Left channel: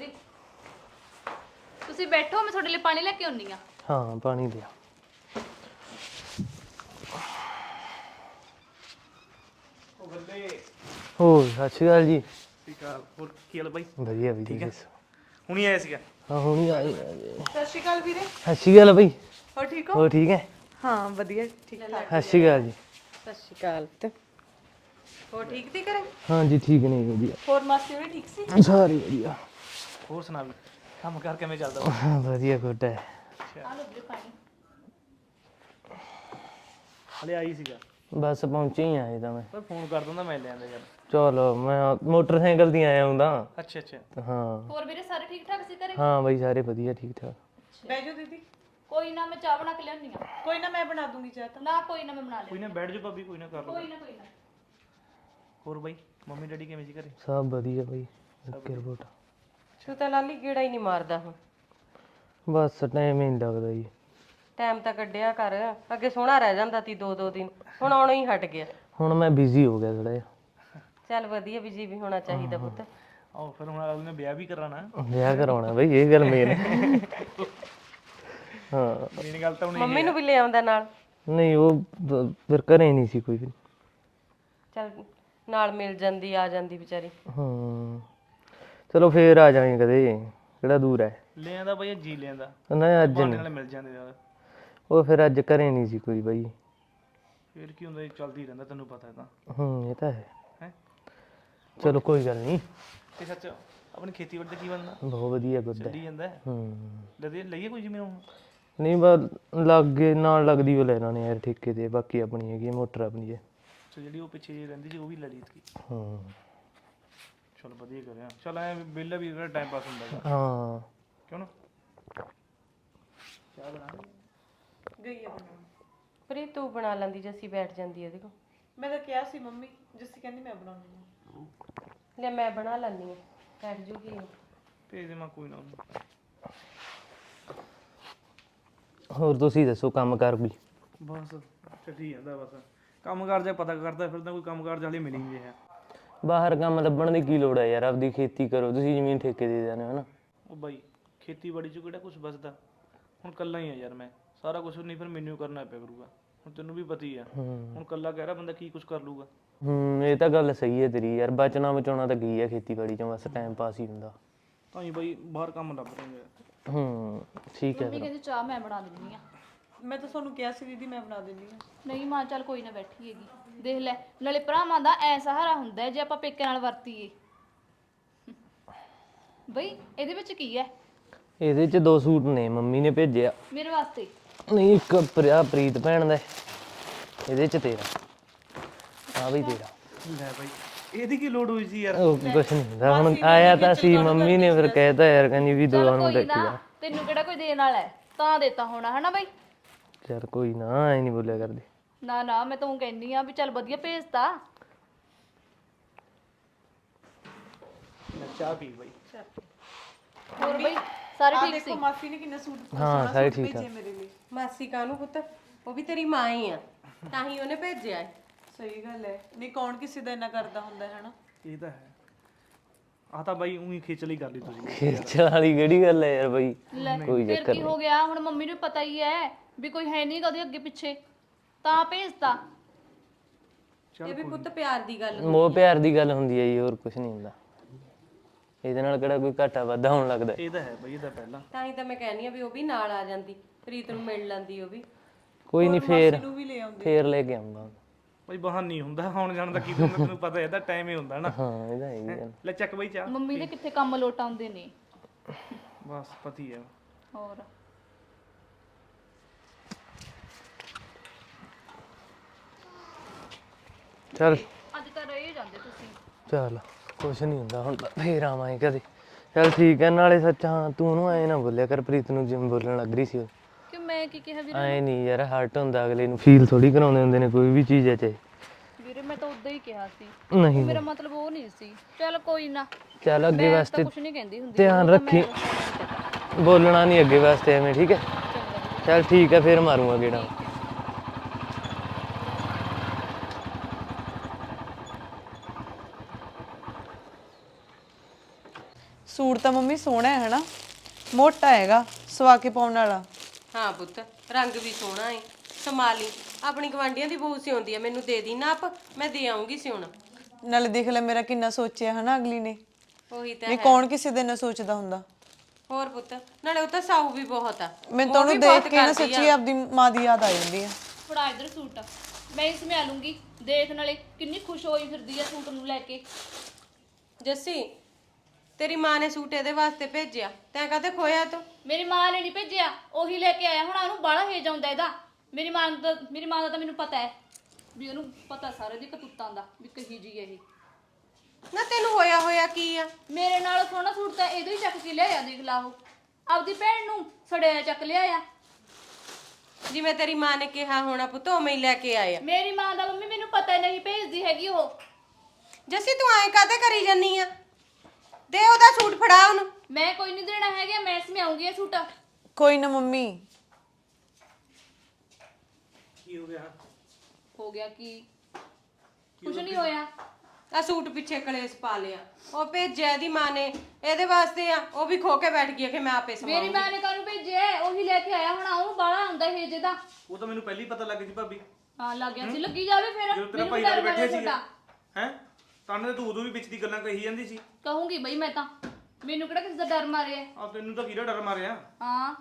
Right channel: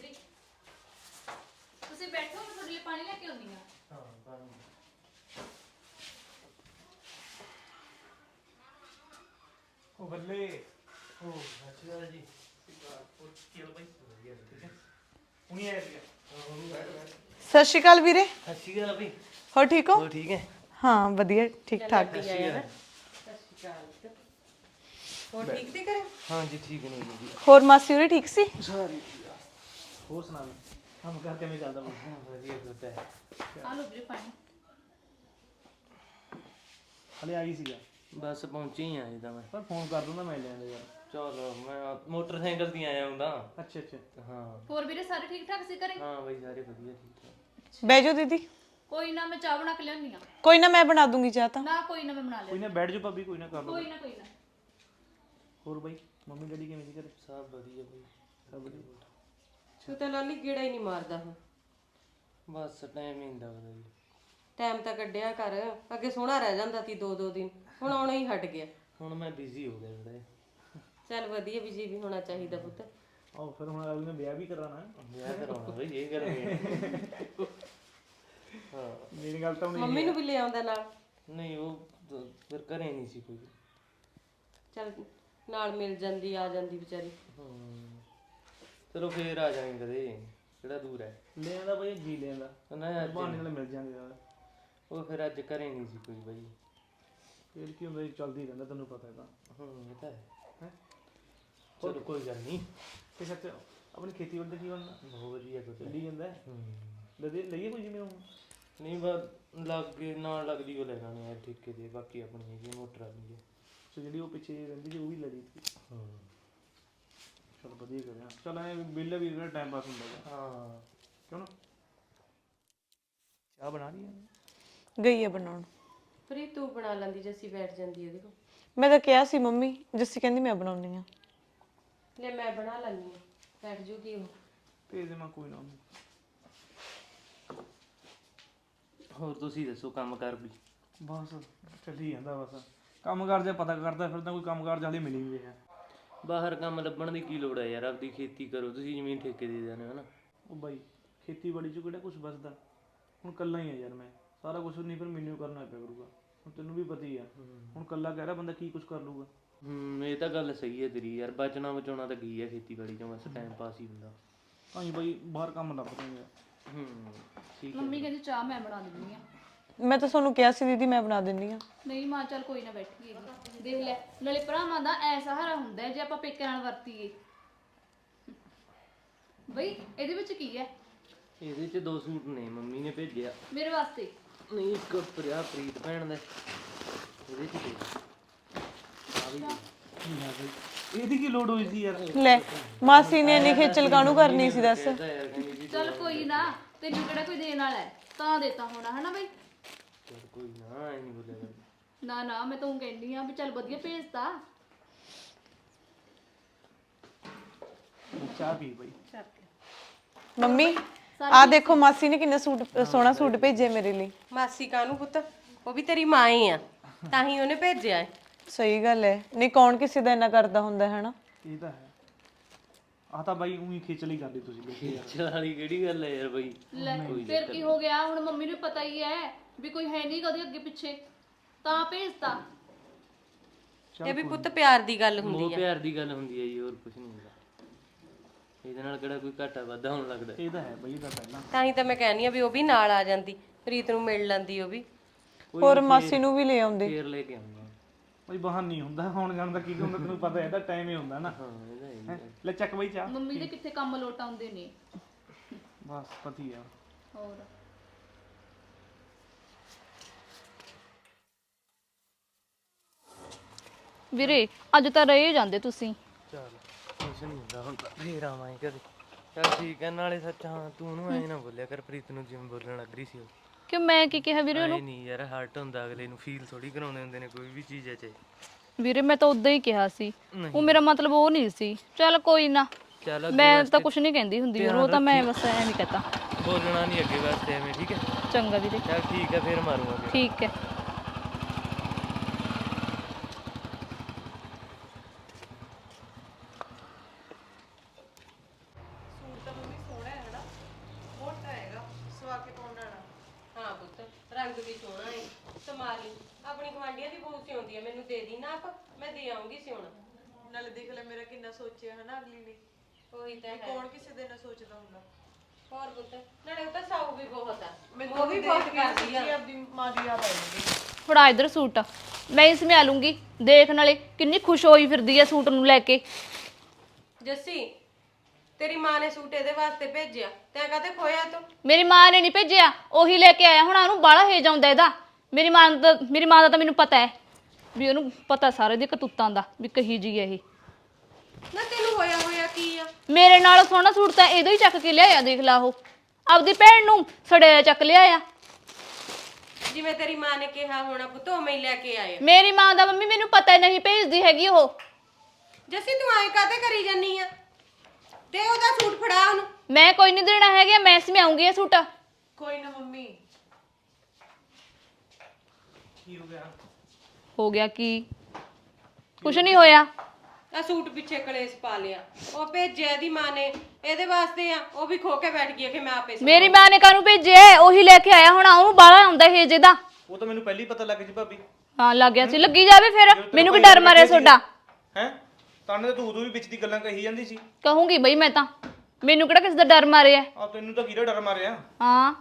ਵੀਰੇ ਤੁਸੀਂ ਬੈਠੋ ਮੈਂ ਤੁਹਾਡੇ ਲਈ ਪਾਣੀ ਲੈ ਕੇ ਆਉਣੀ ਆ ਹਾਂ ਪਾਣੀ ਲਿਆ ਉਹ ਬੱਲੇ। ਹੋਰ ਸਤਿ ਸ਼੍ਰੀ ਅਕਾਲ ਜੀ। ਠੀਕ ਆ ਹੋਰ ਕੀ ਹਾਲ ਬਾਈ? ਵਧੀਆ ਵੀ ਠੀਕ ਹੈ ਹੁਣੀ ਆਇਆ ਸੀਗਾ? ਹਾਂ ਹੁਣੀ ਆ ਗਏ। ਸਤਿ ਸ਼੍ਰੀ ਅਕਾਲ ਵੀਰੇ। ਸਤਿ ਸ਼੍ਰੀ ਅਕਾਲ ਬਈ। ਹੋ ਠੀਕ ਹੋ? ਹੋਰ ਠੀਕ ਹੈ? ਹਾਂ ਵਧੀਆ ਠੀਕ ਠਾਕ। ਸਤਿ ਸ਼੍ਰੀ ਅਕਾਲ ਜੀ। ਸਤਿ ਸ਼੍ਰੀ ਅਕਾਲ ਤੇ। ਹੋ ਠੀਕ ਤੇ ਕਰੇ ਹਾਂ ਜੀ ਠੀਕ ਨੇ ਵਧੀਆ। ਹੋਰ ਮਾਸੀ ਉਰੇ ਠੀਕ ਸੀ? ਸਾਰੇ ਵਧੀਆ। ਹੋਰ ਸੁਣਾ ਮੈਂ ਕੰਮ ਕਰ ਕਿਵੇਂ ਚੱਲਦਾ? ਹਾਂ, ਵਧੀਆ ਗੁੱਡ ਹੈ। ਹਲੇ ਆਈ ਸੀਗਾ। ਬਸ ਪਹੁੰਚੇ ਹੀ ਆਏ ਤਾਂ ਮੈਂ। ਪਰ ਫੋਨ ਕਰ ਦਿੰਦਾ ਮੈਂ ਲੈ ਆਂਦਾ ਯਾਰ। ਚਲੋ ਮੈਂ ਮੋਟਰਸਾਈਕਲ ਦੀ ਆਇਆ ਹੁੰਦਾ। ਅੱਛਾ ਅੱਛਾ। ਹਾਂ। ਹੋਰ ਵੀਰੇ ਸਾਰੇ ਠੀਕ ਠਾਕ ਸੀ ਘਰੇ? ਹਾਂ ਬਈ ਸਾਰੇ ਵਧੀਆ ਠੀਕ ਠਾਕ। ਬਹਿ ਜਾਓ ਦੀਦੀ। ਕੋਈ ਨਾ ਮੈਂ ਚਾਹ ਬਣਾ ਕੇ ਲਿਆਉਣੀ ਆ ਕੋਈ ਨਾ ਮੈਂ ਬਣਾ ਦੂੰਗੀ ਚਾਹ ਤਾਂ। ਨਾ ਕੋਈ ਨਾ ਮੈਂ ਬਣਾ ਲਿਆ ਕੋਈ ਨਾ ਬੈਠ ਜਾ ਭਾਬੀ ਕੋਈ ਨਾ ਕਰ ਲਓ। ਕੋਈ ਨਾ ਕੋਈ ਨਾ। ਹੋਰ ਬਾਈ ਮੰਮੀ ਡੈਡੀ ਕਿਵੇਂ ਸੀ ਘਰੇ? ਸਭ ਵਧੀਆ ਬਈ। ਓਕੇ ਰਿਪੋਰਟ ਤੂੰ ਤਾਂ ਲਾਲੀ ਗੇੜਾ ਹੀ ਨਹੀਂ ਮਾਰਦਾ ਹੁਣ। ਬਸ ਟਾਈਮ ਹੀ ਨਹੀਂ ਲੱਗਦਾ ਜੀ। ਟਾਈਮ ਤਾਂ ਕੱਢਿਆ ਕਰ ਅੱਗੇ ਸੋਹਣਾ ਰਹਿ ਜਾਂਦਾ ਤੀ ਦੋ ਦੋ ਦਿਨ ਹੁਣ ਆਉਣਾ ਹੀ ਹਟ ਗਿਆ। ਹੁਣ ਮੈਂ ਬਿਜ਼ੀ ਹੋ ਗਿਆ ਥੋੜਾ ਜਿਹਾ। ਚੱਲ ਵਧੀਆ ਵੀ ਜੀ ਵੀ ਹੋਣਾ ਚਾਹੀਦਾ ਪੁੱਤ। ਆਓ ਫਿਰ ਹੁਣ ਅਗਲੇ ਨੇ ਵਿਆਹ ਵੀ ਕਰਾਣਾ ਵਿਆਹ ਕਰਾਉਣਾ ਬਈ ਇਹ ਗੱਲ ਮੇਨ ਹਾਂ। ਮੇਰੀ ਗੱਲ ਤਾਂ ਹੁਣ ਮੰਮੀ ਨੂੰ ਵੀ ਲੈ ਆਉਂਦਾ ਨਾਲ? ਨਹੀਂ ਉਹ ਦ- ਫਿਰ ਘਰੇ ਨਹੀਂ ਸੀ ਕੋਈ ਵੀ। ਚੱਲ ਨਾਲ ਮਿਲ ਜਾਂਦੀ ਆ ਜਾਂਦੀ ਵਿਚਾਰੀ। ਹਾਂ। ਚਲੋ ਫੇਰ ਆ ਜਾਵਾਂਗੇ ਕਦੇ ਕਿਹੜਾ ਦੂਰ ਹੈ। ਲੈ ਆਂਦਾ ਬਾਈ ਜੀ ਲੈ ਆਂਦਾ ਨਾ ਅੱਜ ਬਾਣੇ ਨਹੀਂ। ਨਾਲ ਮਿਲ ਜਾਂਦੇ ਯਾਰ ਉਹ ਫਿਰ ਅੱਜ ਘਰੇ ਨਹੀਂ ਸੀ ਕੋਈ ਬਈ। ਫਿਰ ਕੀ ਹੁੰਦਾ ਜੀ ਚੱਲਦੀ ਰਹਿੰਦਾ ਤੈਨੂੰ ਪਤਾ ਹੈ ਤਾਂ ਹੂੰ ਇਹ ਤਾਂ ਹੈ। ਹੈ? ਚਲੋ ਕੋਈ ਗੱਲ ਨਹੀਂ। ਤੇ ਸੱਚ ਆਪਣੀ ਖੇਤੀਬਾੜੀ ਦਾ ਕੀ ਬਣਦਾ? ਬਹੁਤ ਵਧੀਆ ਗੁੱਡ ਹੈ। ਚੱਲੀ ਜਾਂਦਾ ਹੈ। ਹੂੰ। ਲਦੇ ਲਈਏ ਕੋਈ ਜਿਵੇਂ ਹੁਣ ਨਹੀਂ ਬਸ ਲੱਗੇ ਨਾਲ ਲੱਗਦੀ ਉਹ ਲੈਣਾ ਨੇ ਯਾਰ ਠੇਕੇ ਤੇ ਬਾਕੀ ਆਪਣੀ ਹੈਗੀ ਹੈ, ਮੋਟਰ ਆਪਣੀ ਹੈ। ਸੋ ਜਿਹੜੀ ਉਹ ਪਿੱਛੇ ਰਹਿੰਦੀ ਸੀ ਉਹ ਵੀ ਲੜੀ ਸੀ। ਹਾਂ। ਚਲ ਵਧੀਆ ਕਰਿਆ। ਚਲ ਐ ਬਿੱਲ ਵੀ ਜਿਹੜਾ ਟਾਈਮ ਪਾਸ ਹੁੰਦਾ ਹੈਗਾ। ਹਾਂ। ਕਿਉਂ ਨਾ? ਚਾਹ ਬਣਾ ਲਈ ਗਈ ਹੈ ਬਣਾਉਣ। ਪਰ ਤੂੰ ਬਣਾ ਲੈਂਦੀ ਜੇ ਅਸੀਂ ਬੈਠ ਜਾਂਦੀ ਇਹਦੇ ਕੋਲ। ਮੈਂ ਤਾਂ ਕਿਹਾ ਸੀ ਮੰਮੀ ਜੱਸੀ ਕਹਿੰਦੀ ਮੈਂ ਬਣਾਉਣੀ ਆ। ਲੈ ਮੈਂ ਬਣਾ ਲੈਣੀ ਆ ਬੈਠ ਜੂਗੀ ਉਹ। ਭੇਜ ਦੇ ਮੈਂ ਕੋਈ ਨਾ ਉਹਨੂੰ। ਹੋਰ ਤੁਸੀਂ ਦੱਸੋ ਕੰਮ ਕਰ ਵੀ? ਬਸ ਚੱਲੀ ਜਾਂਦਾ ਬਸ। ਕੰਮ ਕਰ ਜਾ ਪਤਾ ਕਰਦਾ ਫਿਰਦਾ ਕੋਈ ਕੰਮ ਕਾਰ ਜਾਲੇ ਮਿਲੀ ਨਹੀਂ ਹੈ। ਬਾਹਰ ਕੰਮ ਲੱਭਣ ਦੀ ਕੀ ਲੋੜ ਹੈ ਯਾਰ? ਆਪਦੀ ਖੇਤੀ ਕਰੋ ਤੁਸੀਂ ਜ਼ਮੀਨ ਠੇਕੇ ਦੇ ਦੇਣਾ ਹੈ ਨਾ। ਉਹ ਬਾਈ ਖੇਤੀਬਾੜੀ ਚ ਕਿਹੜਾ ਕੁਝ ਬਚਦਾ ਹੁਣ ਕੱਲਾ ਹੀ ਆ ਯਾਰ ਮੈਂ। ਸਾਰਾ ਕੁਝ ਨਹੀਂ ਫਿਰ ਮੈਨੂੰ ਹੀ ਕਰਨਾ ਪਿਆ ਕਰੂਗਾ। ਹੁਣ ਤੈਨੂੰ ਵੀ ਪਤਾ ਹੀ ਆ। ਹੁਣ ਕੱਲਾ ਕਹਿ ਰਿਹਾ ਬੰਦਾ ਕੀ ਕੁਝ ਕਰ ਲੂਗਾ। ਹੂੰ ਇਹ ਤਾਂ ਗੱਲ ਸਹੀ ਹੈ ਤੇਰੀ ਯਾਰ। ਬਚਣਾ ਬਚਾਉਣਾ ਤਾਂ ਕੀ ਹੈ ਖੇਤੀਬਾੜੀ ਚੋਂ? ਬਸ ਟਾਈਮ ਪਾਸ ਹੀ ਹੁੰਦਾ। ਤਾਂ ਹੀ ਬਾਈ ਬਾਹਰ ਕੰਮ ਲੱਭ ਰਹੇ ਆ। ਹੂੰ ਠੀਕ ਹੈ ਮੰਮੀ ਕਹਿੰਦੀ ਚਾਹ ਮੈਂ ਬਣਾ ਦਿੰਦੀ ਆ। ਮੈਂ ਤਾਂ ਤੁਹਾਨੂੰ ਕਿਹਾ ਸੀ ਦੀਦੀ ਮੈਂ ਬਣਾ ਦਿੰਦੀ ਆ ਨਹੀਂ ਮਾਂ ਚੱਲ ਕੋਈ ਨਾ ਬੈਠੀ ਹੈਗੀ। ਦੇਖ ਲੈ ਨਾਲੇ ਭਰਾਵਾਂ ਦਾ ਐ ਸਹਾਰਾ ਹੁੰਦਾ ਹੈ ਜੇ ਆਪਾਂ ਪੇਕੇ ਨਾਲ ਵਰਤੀਏ। ਬਈ ਇਹਦੇ ਵਿੱਚ ਕੀ ਹੈ? ਇਹਦੇ ਚ ਦੋ ਸੂਟ ਨੇ ਮੰਮੀ ਨੇ ਭੇਜਿਆ ਮੇਰੇ ਵਾਸਤੇ। ਨਹੀਂ ਇੱਕ ਪ੍ਰਿਆ ਪ੍ਰੀਤ ਭੈਣ ਦਾ ਹੈ। ਇਹਦੇ ਚ ਤੇਰਾ। ਆ ਵੀ ਤੇਰਾ। ਲੈ ਬਾਈ ਇਹਦੀ ਕੀ ਲੋੜ ਹੋਈ ਸੀ ਯਾਰ? ਉਹ ਲੈ, ਕੁਛ ਨਹੀਂ ਹੁੰਦਾ। ਮਾਸੀ ਹੁਣ ਨੇ ਆਇਆ ਇੰਨੀ ਤਾਂ ਖੇਚਲ ਸੀ ਕਾਹਨੂੰ ਮੰਮੀ ਨੇ ਫਿਰ ਕਹਿਤਾ ਯਾਰ ਕਹਿੰਦੀ ਵੀ ਦੋ ਚੱਲ ਨੂੰ ਕੋਈ ਦੇਖੀ ਨਾ ਤੈਨੂੰ ਕਿਹੜਾ ਕੋਈ ਦੇਣ ਵਾਲਾ ਹੈ? ਤਾਂ ਦੇਤਾ ਹੋਣਾ ਹਨਾ ਬਈ? ਯਾਰ ਕੋਈ ਨਾ ਐ ਨਹੀਂ ਬੋਲਿਆ ਕਰਦੀ। ਨਾ ਨਾ ਮੈਂ ਤੂੰ ਕਹਿੰਦੀ ਆ ਵੀ ਚੱਲ ਵਧੀਆ ਭੇਜਤਾ। ਚਾਹ ਪੀ ਬਾਈ। ਮੰਮੀ ਆ ਦੇਖੋ ਮਾਸੀ ਨੇ ਕਿੰਨਾ ਸੂਟ ਸੋਹਣਾ ਸੂਟ ਭੇਜਿਆ ਮੇਰੇ ਲਈ। ਮਾਸੀ ਕਾਹਨੂੰ ਪੁੱਤ? ਉਹ ਵੀ ਤੇਰੀ ਮਾਂ ਹੀ ਆ। ਤਾਂ ਹੀ ਉਹਨੇ ਭੇਜਿਆ ਹੈ ਸਹੀ ਗੱਲ ਹੈ ਨਹੀਂ ਕੌਣ ਕਿਸੇ ਦਾ ਇੰਨਾ ਕਰਦਾ ਹੁੰਦਾ ਹੈ ਨਾ ਇਹ ਤਾਂ ਹੈ। ਆ ਤਾਂ ਬਾਈ ਉਹੀ ਖੇਚਲ ਕਰ ਲਈ ਤੁਸੀਂ। ਖੇਚਲ ਵਾਲੀ ਕਿਹੜੀ ਗੱਲ ਹੈ ਯਾਰ ਬਈ? ਕੋਈ ਚੱਕਰ ਕੀ ਹੋ ਗਿਆ? ਹੁਣ ਮੰਮੀ ਨੂੰ ਪਤਾ ਹੀ ਹੈ। ਵੀ ਕੋਈ ਹੈ ਨਹੀਂ ਕਦੇ ਅੱਗੇ ਪਿੱਛੇ ਤਾਂ ਭੇਜਤਾ। ਇਹ ਵੀ ਪੁੱਤ ਪਿਆਰ ਦੀ ਗੱਲ ਹੁੰਦੀ ਮੋਹ ਪਿਆਰ ਦੀ ਗੱਲ ਹੁੰਦੀ ਹੈ ਜੀ ਹੋਰ ਕੁਝ ਨਹੀਂ ਹੁੰਦਾ। ਇਹਦੇ ਨਾਲ ਕਿਹੜਾ ਕੋਈ ਘਾਟਾ ਵਾਧਾ ਹੋਣ ਲੱਗਦਾ? ਇਹ ਤਾਂ ਹੈ ਬਾਈ ਇਹਦਾ ਪਹਿਲਾਂ। ਤਾਂ ਹੀ ਤਾਂ ਮੈਂ ਕਹਿੰਦੀ ਆ ਵੀ ਉਹ ਵੀ ਨਾਲ ਆ ਜਾਂਦੀ ਪ੍ਰੀਤ ਨੂੰ ਮਿਲ ਲੈਂਦੀ ਉਹ ਵੀ। ਕੋਈ ਨਹੀਂ ਮਾਸੀ ਨੂੰ ਵੀ ਲੈ ਆਉਂਦੇ। ਫੇਰ ਲੈ ਕੇ ਆਉਂਗਾ। ਬਾਈ ਬਾਹਰ ਨਹੀਂ ਹੁੰਦਾ ਹੁਣ ਜਾਣ ਦਾ ਕੀ ਹੁੰਦਾ ਤੈਨੂੰ ਪਤਾ ਹੈ ਇਹਦਾ ਟਾਈਮ ਹੀ ਹੁੰਦਾ ਨਾ। ਹਾਂ ਇਹਦਾ ਹੈ। ਲੈ ਚੱਕ ਬਾਈ ਚਾਹ। ਮੰਮੀ ਦੇ ਕਿੱਥੇ ਕੰਮ ਲੋਟ ਆਉਂਦੇ ਨੇ? ਬਸ ਪਤੀ ਆ ਹੋਰ ਵੀਰੇ ਅੱਜ ਤਾਂ ਰਹੇ ਜਾਂਦੇ ਤੁਸੀਂ। ਚੱਲ ਕੁਛ ਨਹੀਂ ਹੁੰਦਾ ਹੁਣ ਤਾਂ ਫੇਰ ਆਵਾਂਗੇ ਕਦੇ ਚੱਲ ਠੀਕ ਹੈ ਨਾਲੇ ਸੱਚ ਹਾਂ ਤੂੰ ਉਹਨੂੰ ਐ ਨਾ ਬੋਲਿਆ ਕਰ ਪ੍ਰੀਤ ਨੂੰ ਜਿਵੇਂ ਬੋਲਣ ਲੱਗ ਰਹੀ ਸੀ ਕਿ ਮੈਂ ਕੀ ਕਿਹਾ ਵੀਰੇ ਐ ਨਹੀਂ ਯਾਰ ਹਰਟ ਹੁੰਦਾ ਅਗਲੇ ਨੂੰ ਫੀਲ ਥੋੜੀ ਕਰਾਉਂਦੇ ਹੁੰਦੇ ਨੇ ਕੋਈ ਵੀ ਚੀਜ਼ ਐ ਚਾਹੇ ਵੀਰੇ ਮੈਂ ਤਾਂ ਉਦਾਂ ਹੀ ਕਿਹਾ ਸੀ। ਨਹੀਂ ਉਹ ਮੇਰਾ ਮਤਲਬ ਉਹ ਨਹੀਂ ਸੀ। ਚੱਲ ਕੋਈ ਨਾ ਚੱਲ ਅੱਗੇ ਮੈਂ ਤਾਂ ਵਾਸਤੇ ਕੁਝ ਨਹੀਂ ਕਹਿੰਦੀ ਹੁੰਦੀ ਧਿਆਨ ਉਹ ਤਾਂ ਮੈਂ ਰੱਖੀ। ਬਸ ਐਂ ਨਹੀਂ ਕਹਤਾ। ਬੋਲਣਾ ਨਹੀਂ ਅੱਗੇ ਵਾਸਤੇ ਐਵੇਂ ਠੀਕ ਹੈ? ਚੰਗਾ ਵੀਰੇ। ਚੱਲ ਠੀਕ ਹੈ ਫੇਰ ਮਾਰੂੰਗਾ ਗੇੜਾ। ਠੀਕ ਹੈ। ਸੂਟ ਤਾਂ ਮੰਮੀ ਸੋਹਣਾ ਹੈ ਹਨਾ? ਮੋਟਾ ਹੈਗਾ ਸਵਾ ਕੇ ਪਾਉਣ ਵਾਲਾ। ਹਾਂ ਪੁੱਤ ਰੰਗ ਵੀ ਸੋਹਣਾ ਏ। ਸੰਭਾਲੀ ਆਪਣੀ ਗਵਾਂਢੀਆਂ ਦੀ ਬਹੂ ਸਿਉਂਦੀ ਆ ਮੈਨੂੰ ਦੇ ਦੀ ਨਾਪ ਮੈਂ ਦੇ ਆਉਂਗੀ ਸਿਉਣਾ। ਨਾਲੇ ਦੇਖ ਲੈ ਮੇਰਾ ਕਿੰਨਾ ਸੋਚਿਆ ਹਨਾ ਅਗਲੀ ਨੇ? ਉਹੀ ਤਾਂ ਵੀ ਕੌਣ ਕਿਸੇ ਦੇ ਨਾ ਸੋਚਦਾ ਹੁੰਦਾ? ਹੋਰ ਪੁੱਤ ਨਾਲੇ ਉਹ ਤਾਂ ਸਾਊ ਵੀ ਬਹੁਤ ਆ। ਮੈਨੂੰ ਤਾਂ ਉਹਨੂੰ ਦੇਖ ਕੇ ਨਾ ਸੱਚੀ ਆਪਦੀ ਮਾਂ ਦੀ ਯਾਦ ਆ ਜਾਂਦੀ ਹੈ ਫੜਾ ਇਧਰ ਸੂਟ। ਮੈਂ ਇਸ ਸਮਿਆ ਲੂੰਗੀ। ਦੇਖ ਨਾਲੇ ਕਿੰਨੀ ਖੁਸ਼ ਹੋਈ ਫਿਰਦੀ ਹੈ ਸੂਟ ਨੂੰ ਲੈ ਕੇ। ਜੱਸੀ ਤੇਰੀ ਮਾਂ ਨੇ ਸੂਟ ਇਹਦੇ ਵਾਸਤੇ ਭੇਜਿਆ। ਤੈਂ ਕਾਹਤੇ ਖੋਇਆ ਤੂੰ? ਮੇਰੀ ਮਾਂ ਨੇ ਨਹੀਂ ਭੇਜਿਆ ਉਹੀ ਲੈ ਕੇ ਆਇਆ। ਹੁਣ ਉਹਨੂੰ ਬਾਹਲਾ ਹੇਜ ਆਉਂਦਾ ਇਹਦਾ। ਮੇਰੀ ਮਾਂ ਦਾ ਮੇਰੀ ਮਾਂ ਦਾ ਤਾਂ ਮੈਨੂੰ ਪਤਾ ਹੈ ਵੀ ਉਹਨੂੰ ਪਤਾ ਸਾਰੇ ਦੀ ਕਤੂਤਾਂ ਦਾ ਵੀ ਕਹੀ ਜੀ ਹੈ ਇਹ। ਨਾ ਤੈਨੂੰ ਹੋਇਆ ਹੋਇਆ ਕੀ ਆ? ਮੇਰੇ ਨਾਲ ਸੋਹਣਾ ਸੂਟ ਤਾਂ ਇਹਦੋਂ ਹੀ ਚੱਕ ਕੇ ਲਿਆਇਆ ਦੇਖ ਲਾ ਉਹ। ਆਪਦੀ ਭੈਣ ਨੂੰ ਸੜਿਆ ਚੱਕ ਲਿਆਇਆ। ਜਿਵੇਂ ਤੇਰੀ ਮਾਂ ਨੇ ਕਿਹਾ ਹੋਣਾ ਪੁੱਤ ਉਵੇਂ ਹੀ ਲੈ ਕੇ ਆਇਆ। ਮੇਰੀ ਮਾਂ ਦਾ ਮੰਮੀ ਮੈਨੂੰ ਪਤਾ ਹੀ ਨਹੀਂ ਭੇਜਦੀ ਹੈਗੀ ਉਹ। ਜੱਸੀ ਤੂੰ ਐਂ ਕਾਹਤੇ ਕਰੀ ਜੰਨੀ ਆ? ਦੇ ਉਹਦਾ ਸੂਟ ਫੜਾ ਉਹਨੂੰ। ਮੈਂ ਕੋਈ ਨਹੀਂ ਦੇਣਾ ਹੈਗਾ ਮੈਂ ਸਮਿਆਉਂਗੀ ਇਹ ਸੂਟ। ਕੋਈ ਨਾ ਮੰਮੀ। ਕੀ ਹੋ ਗਿਆ? ਹੋ ਗਿਆ ਕੀ? ਕੁਛ ਨਹੀਂ ਹੋਇਆ। ਆ ਸੂਟ ਪਿੱਛੇ ਕਲੇਸ਼ ਪਾ ਲਿਆ। ਉਹ ਭੇਜਿਆ ਇਹਦੀ ਮਾਂ ਨੇ। ਇਹਦੇ ਵਾਸਤੇ ਆ। ਉਹ ਵੀ ਖੋ ਕੇ ਬੈਠ ਗਈ ਆ ਕਿ ਮੈਂ ਆਪੇ ਮੇਰੀ ਮਾਂ ਨੇ ਕਾਹਨੂੰ ਭੇਜਿਆ? ਉਹੀ ਲੈ ਕੇ ਆਇਆ ਹੁਣ। ਉਹਨੂੰ ਬਾਹਲਾ ਆਉਂਦਾ ਹੇਜ ਇਹਦਾ ਉਹ ਤਾਂ ਮੈਨੂੰ ਪਹਿਲੀ ਪਤਾ ਲੱਗ ਗਈ ਭਾਬੀ। ਹਾਂ ਲੱਗ ਗਿਆ ਸੀ। ਲੱਗੀ ਜਾਵੇ ਫਿਰ। ਮੈਨੂੰ ਕੀ ਡਰ ਮਾਰਿਆ ਤੁਹਾਡਾ। ਹੈ? ਤਾਂ ਤਾਂ ਤੂੰ ਉਦੋਂ ਵੀ ਵਿੱਚ ਦੀ ਗੱਲਾਂ ਕਹੀ ਜਾਂਦੀ ਸੀ। ਕਹੂੰਗੀ ਬਈ ਮੈਂ ਤਾਂ। ਮੈਨੂੰ ਕਿਹੜਾ ਕਿਸੇ ਦਾ ਡਰ ਮਾਰਿਆ? ਆ ਤੈਨੂੰ ਤਾਂ ਕਿਹੜਾ ਡਰ ਮਾਰਿਆ? ਹਾਂ।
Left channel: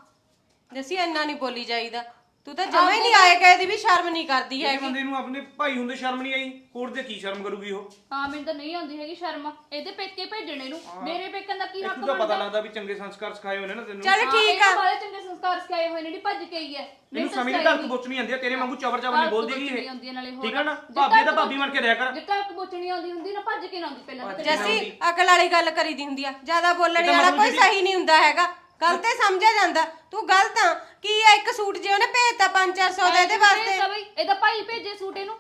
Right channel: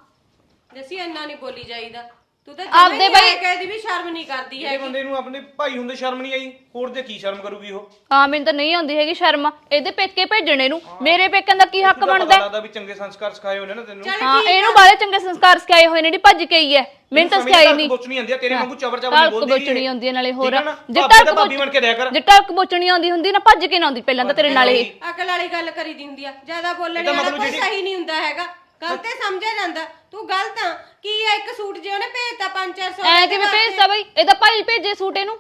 ਜੱਸੀ ਇੰਨਾ ਨਹੀਂ ਬੋਲੀ ਜਾਈਦਾ। ਤੂੰ ਤਾਂ ਆਪਦੇ ਜਮੇ ਬਾਈ- ਦੀ ਵੀ ਸ਼ਰਮ ਨਹੀਂ ਕਰਦੀ ਇਹ ਹੈਗੀ। ਬੰਦੇ ਨੂੰ ਆਪਣੇ ਭਾਈ ਹੁੰਦੇ ਸ਼ਰਮ ਨਹੀਂ ਆਈ ਹੋਰ ਤੇ ਕੀ ਸ਼ਰਮ ਕਰੂਗੀ ਉਹ? ਹਾਂ ਮੈਨੂੰ ਤਾਂ ਨਹੀਂ ਆਉਂਦੀ ਹੈਗੀ ਸ਼ਰਮ। ਇਹਦੇ ਪੇਕੇ ਭੇਜਣੇ ਨੂੰ। ਮੇਰੇ ਪੇਕਿਆਂ ਦਾ ਕੀ ਹੱਕ ਬਣਦਾ? ਹੈ? ਲੱਗਦਾ ਵੀ ਚੰਗੇ ਸੰਸਕਾਰ ਸਿਖਾਏ ਹੋਏ ਨੇ ਨਾ ਤੈਨੂੰ। ਚੱਲ ਹਾਂ ਇਹਨੂੰ ਬਾਲੇ ਚੰਗੇ ਸੰਸਕਾਰ ਸਿਖਾਏ ਹੋਏ ਨੇ ਜਿਹੜੀ ਭੱਜ ਕੇ ਆਈ ਹੈ ਮੈਨੂੰ ਤਾਂ ਸਿਖਾਈ ਨਹੀਂ ਕੁਛ ਨਹੀਂ ਆਂਦੀ ਤੇਰੇ ਵਾਂਗੂ ਚਬਰ ਚਬਰ ਟਲਕ ਬੋਲਦੀ ਬੋਚਣੀ ਆਉਂਦੀ ਹੈ ਨਾਲੇ ਹੋਰ। ਠੀਕ ਹੈ? ਜੇ ਟਲਕ ਭਾਬੀ ਬਣ ਕੇ ਰਿਹਾ ਕਰ। ਜੇ ਟਲਕ ਬੋਚਣੀ ਆਉਂਦੀ ਹੁੰਦੀ ਨਾ ਭੱਜ ਕੇ ਨਾ ਆਉਂਦੀ। ਪਹਿਲਾਂ ਤਾਂ ਤੇਰੇ ਨਾਲ ਅਕਲ ਵਾਲੀ ਗੱਲ ਕਰੀਦੀ ਹੁੰਦੀ ਆ। ਜ਼ਿਆਦਾ ਬੋਲਣ ਵਾਲਾ ਕੋਈ ਸਹੀ ਨਹੀਂ ਹੁੰਦਾ ਹੈਗਾ। ਗਲਤ ਹੀ ਸਮਝਿਆ ਜਾਂਦਾ। ਤੂੰ ਗਲਤ ਆ। ਕੀ ਆ ਇੱਕ ਸੂਟ ਜੇ ਉਹਨੇ ਭੇਜਤਾ 5-400 ਐ ਦਾ ਕਿਵੇਂ ਭੇਜਦਾ ਬਈ? ਇਹਦਾ ਭਾਈ ਭੇਜੇ ਸੂਟ ਇਹਨੂੰ।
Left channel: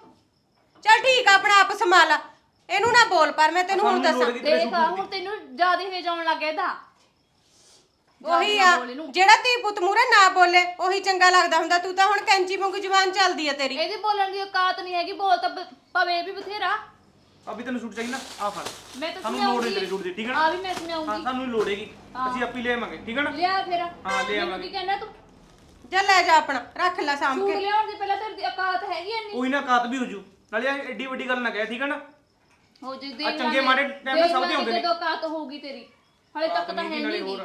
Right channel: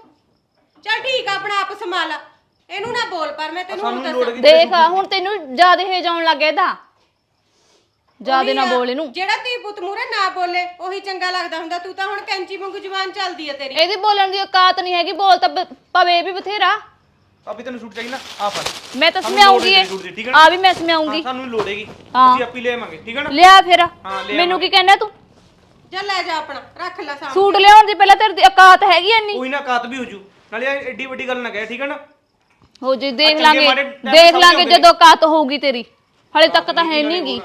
ਚੱਲ ਠੀਕ ਆ ਆਪਣਾ ਆਪ ਸੰਭਾਲ ਇਹਨੂੰ ਨਾ ਬੋਲ ਪਰ ਮੈਂ ਤੈਨੂੰ ਹੁਣ ਦੱਸਾਂ। ਦੇਖ ਆ, ਹੁਣ ਤੈਨੂੰ ਜ਼ਿਆਦਾ ਹੇਜ ਆਉਣ ਲੱਗ ਗਿਆ ਇਹਦਾ। ਜ਼ਿਆਦਾ ਉਹੀ ਨਾ ਆ, ਬੋਲ ਇਹਨੂੰ। ਜਿਹੜਾ ਤੀ ਪੁੱਤ ਮੂਰੇ ਨਾ ਬੋਲੇ ਉਹੀ ਚੰਗਾ ਲੱਗਦਾ ਹੁੰਦਾ। ਤੂੰ ਤਾਂ ਹੁਣ ਕੈਂਚੀ ਵਾਂਗੂ ਜ਼ੁਬਾਨ ਚੱਲਦੀ ਆ ਤੇਰੀ। ਇਹਦੀ ਬੋਲਣ ਦੀ ਔਕਾਤ ਨਹੀਂ ਹੈਗੀ। ਬੋਲ ਤਾਂ ਬ- ਪਵੇ ਇਹ ਵੀ ਬਥੇਰਾ। ਭਾਬੀ ਤੈਨੂੰ ਸੂਟ ਚਾਹੀਦਾ? ਆ ਫੜ। ਮੈਂ ਤਾਂ ਲੋੜ ਇਹ ਠੀਕ ਹੈ ਨਾ? ਆ ਵੀ ਮੈਂ ਸਮਿਆਉਂਗੀ ਸਾਨੂੰ ਲੋੜੇਗੀ ਹਾਂ। ਅਸੀਂ ਆਪੀ ਲੈ ਆਵਾਂਗੇ ਠੀਕ ਹੈ ਨਾ? ਲਿਆ ਫਿਰ। ਹਾਂ, ਮੈਨੂੰ ਕੀ ਕਹਿਣਾ ਤੂੰ? ਚੱਲ ਲੈ ਜਾ ਆਪਣਾ ਰੱਖ ਲੈ ਸਾਹਮਣੇ ਸੂਟ ਲਿਆਉਣ ਦੀ ਪਹਿਲਾਂ ਤੇਰੀ ਔਕਾਤ ਹੈਗੀ ਐਨੀ ਕੋਈ ਨਾ ਕਾਤ ਵੀ ਹੋ ਜੂ। ਨਾਲੇ ਇਹ ਐਡੀ ਵੱਡੀ ਗੱਲ ਨਾ ਕਹਿ ਠੀਕ ਹੈ ਨਾ? ਹੋ ਜੇ ਦੇਖ ਲਾਂਗੇ। ਮਾੜੇ time ਦੇਖ ਲਾਂਗੇ ਆਉਂਦੇ ਜਦੋਂ ਔਕਾਤ ਹੋਊਗੀ ਤੇਰੀ। ਹਲੇ ਤੱਕ ਤਾਂ ਹੈ ਨਹੀਂਗੀ।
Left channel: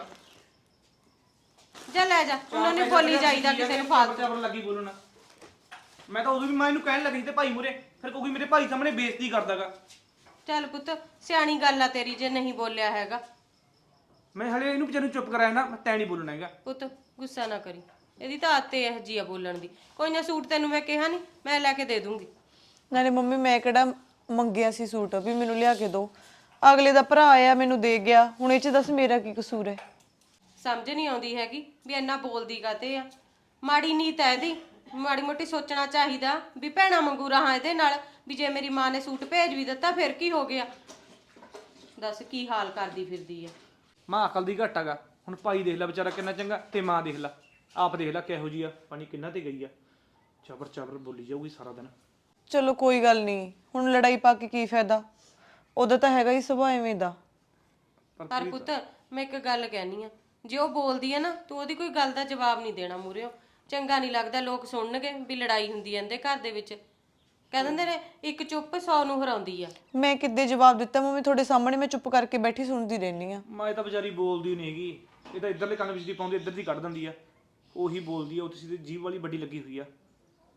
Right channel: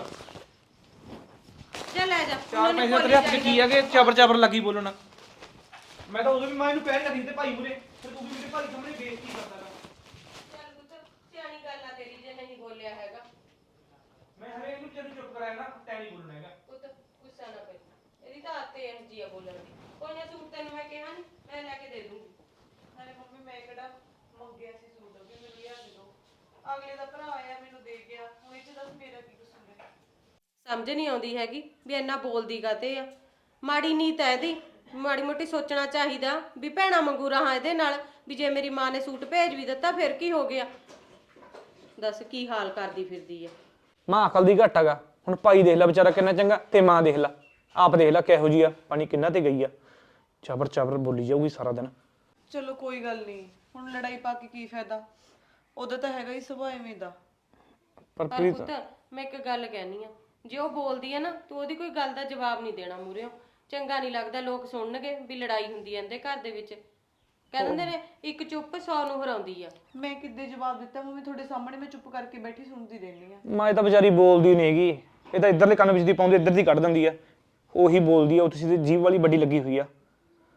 ਚੱਲ ਲੈ ਜਾ ਉਹਨੂੰ ਬੋਲੀ 'ਚ ਕੀ ਆ ਜਾਈਦਾ ਕਿ ਚਬਰ ਚਬਰ ਲੱਗੀ ਬੋਲਣਾ। ਮੈਂ ਤਾਂ ਉਦੋਂ ਵੀ ਮਾਂ ਨੂੰ ਕਹਿਣ ਲੱਗੀ ਸੀ ਤੇ ਭਾਈ ਮੁਰੇ ਫਿਰ ਕੋਈ ਮੇਰੇ ਭਾਈ ਸਾਹਮਣੇ ਬੇਇੱਜ਼ਤੀ ਕਰਦਾਗਾ। ਚੱਲ ਪੁੱਤ ਸਿਆਣੀ ਗੱਲ ਆ ਤੇਰੀ ਜੇ ਨਹੀਂ ਬੋਲਿਆ ਹੈਗਾ। ਮੈਂ ਹਲੇ ਇਹਨੂੰ ਵਿਚਾਰੇ ਨੂੰ ਚੁੱਪ ਕਰਾਇਆ ਨਾ ਮੈਂ ਤੈਂ ਨਹੀਂ ਬੋਲਣਾ ਹੈਗਾ। ਪੁੱਤ ਗੁੱਸਾ ਨਾ ਕਰੀ। ਇਹਦੀ ਤਾਂ ਆਦਤ ਇਹ ਜੀ ਆ ਬੋਲਣ ਦੀ। ਕੋਈ ਨਾ ਸੂਟ ਤੈਨੂੰ ਮੈਂ ਕਿਹਾ ਨਹੀਂ ਮੈਂ ਲੈ ਕੇ ਦੇ ਦੂੰਗੀ। ਨਾਲੇ ਮੰਮੀ ਮੈਂ ਕਿਹੜਾ ਮੰਗਿਆ ਸੀ ਸੂਟ? ਵੀ ਮੈਨੂੰ ਲਿਆ ਕੇ ਦਿਓ ਅਗਲੇ ਦਾ ਭਰਾ ਆਇਆ ਮੈਨੂੰ ਦੇ ਗਿਆ। ਹੁਣ ਇਹ ਚ ਦੱਸ ਮੇਰਾ ਕੀ ਕਸੂਰ ਹੈ ਸਮਝ ਨਹੀਂ ਆਉਂਦੀ ਹੈਗੀ ਵੀ ਇੰਨਾ ਬੋਲਦੀ ਕਾਤੇ ਆ? ਮਾੜੀ ਨੀਤ ਹੈ ਇਹਦੀ। ਮਾੜੀ ਮੋਟੀ ਸੋਚਣਾ ਚਾਹੀਦਾ ਵੀ ਭੈਣਾ ਮੰਗੂ ਰਹਾ ਇਹਦੇ ਨਾਲ ਵੀ ਜੇ ਮੇਰੀ ਮਾਂ ਨੇ ਸੂਟ ਭੇਜ ਵੀ ਦਿੱਤਾ ਫਿਰ ਕੀ ਹੋ ਗਿਆ? ਦੱਸ ਕੀ ਹਾਲ ਕਰਦੀ ਫਿਰਦੀ ਆ? ਮਾਂ ਅਕਲ ਦੀ ਘੱਟ ਹੈਗਾ। ਹੁਣ ਭਾਈ ਦੇਖ ਲੈ ਵਿਚਾਰਾ ਕਿੰਨਾ ਚੰਗਾ ਤੇ ਮਾਂ ਦੇਖ ਲੈ। ਆਪ ਦੇਖ ਲੈ ਕਿਹੋ ਜੀ ਆ ਪਾਣੀ ਕਿੰਨਾ ਤੇ ਗਈ ਆ। ਚਬਰ ਚਬਰ ਬੋਲੀ ਜਾਊਗੀ ਸਾਰਾ ਦਿਨ। ਚਲੋ ਕੋਈ ਗੱਲ ਨਹੀਂ ਹੁਣ ਲੜਾਈ ਪਾ ਕੇ ਕੀ ਫਾਇਦਾ? ਉਹਦਾ ਤਾਂ ਹੈਗਾ ਹੀ ਸੁਭਾਅ ਐਵੇਂ ਦਾ। ਪਰ ਪਰ ਪੁੱਤ ਮੈਂ ਇੱਕ ਗੱਲ ਕਹਿਨੀ ਆ। ਜੇ ਉਹ ਬੋਲਦੀ ਆ ਨਾ ਤੂੰ ਉਹਦੀ ਕੋਈ ਗੱਲ ਦਾ ਜਵਾਬ ਨਹੀਂ ਦੇਣਾ ਮੂਰਿਓ ਚੰਗਾ ਨਹੀਂ ਲੱਗਦਾ ਲੋਕ ਸੁਣਨਗੇ ਵੀ ਲੜਾਈ ਹੁੰਦੀ ਐ ਇਹਦੇ ਘਰ ਦੇ ਵਿੱਚ। ਕਹਿ ਦਿੰਦੇ ਨੇ ਇੱਕ ਚੁੱਪ 100 ਨੂੰ ਹਰਾਉਂਦੀ ਆ। ਮੈਂ ਕਿੱਦੇ ਜਵਾਬ ਦਿੱਤਾ ਮੰਮੀ ਤੁਹਾਡੇ ਸਾਹਮਣੇ ਮੈਂ ਚੁੱਪ ਕਰਕੇ ਬੈਠੀ ਸੁਣਦੀ ਰਹਿੰਦੀ ਆ। ਮਾਂ ਇਹ ਤਾਂ ਵਿਚਾਰੀ ਬੋਲਦੀ ਨਹੀਂ ਹੈਗੀ। ਇਹ ਤਾਂ ਇੱਧਰਲੇ ਕੰਨ ਵਿੱਚ ਦੀ ਪਾਉਂਦੀ ਇੱਧਰ ਦੀ ਕੱਢ ਦਿੰਦੀ ਆ। ਉਹੀ ਬੋਲਦੀ ਆ ਉਹ ਤੁਸੀਂ ਜੀਭ ਵਾਲੀ ਵੱਡੀ ਲੱਗੀ ਹੋਈ ਆ।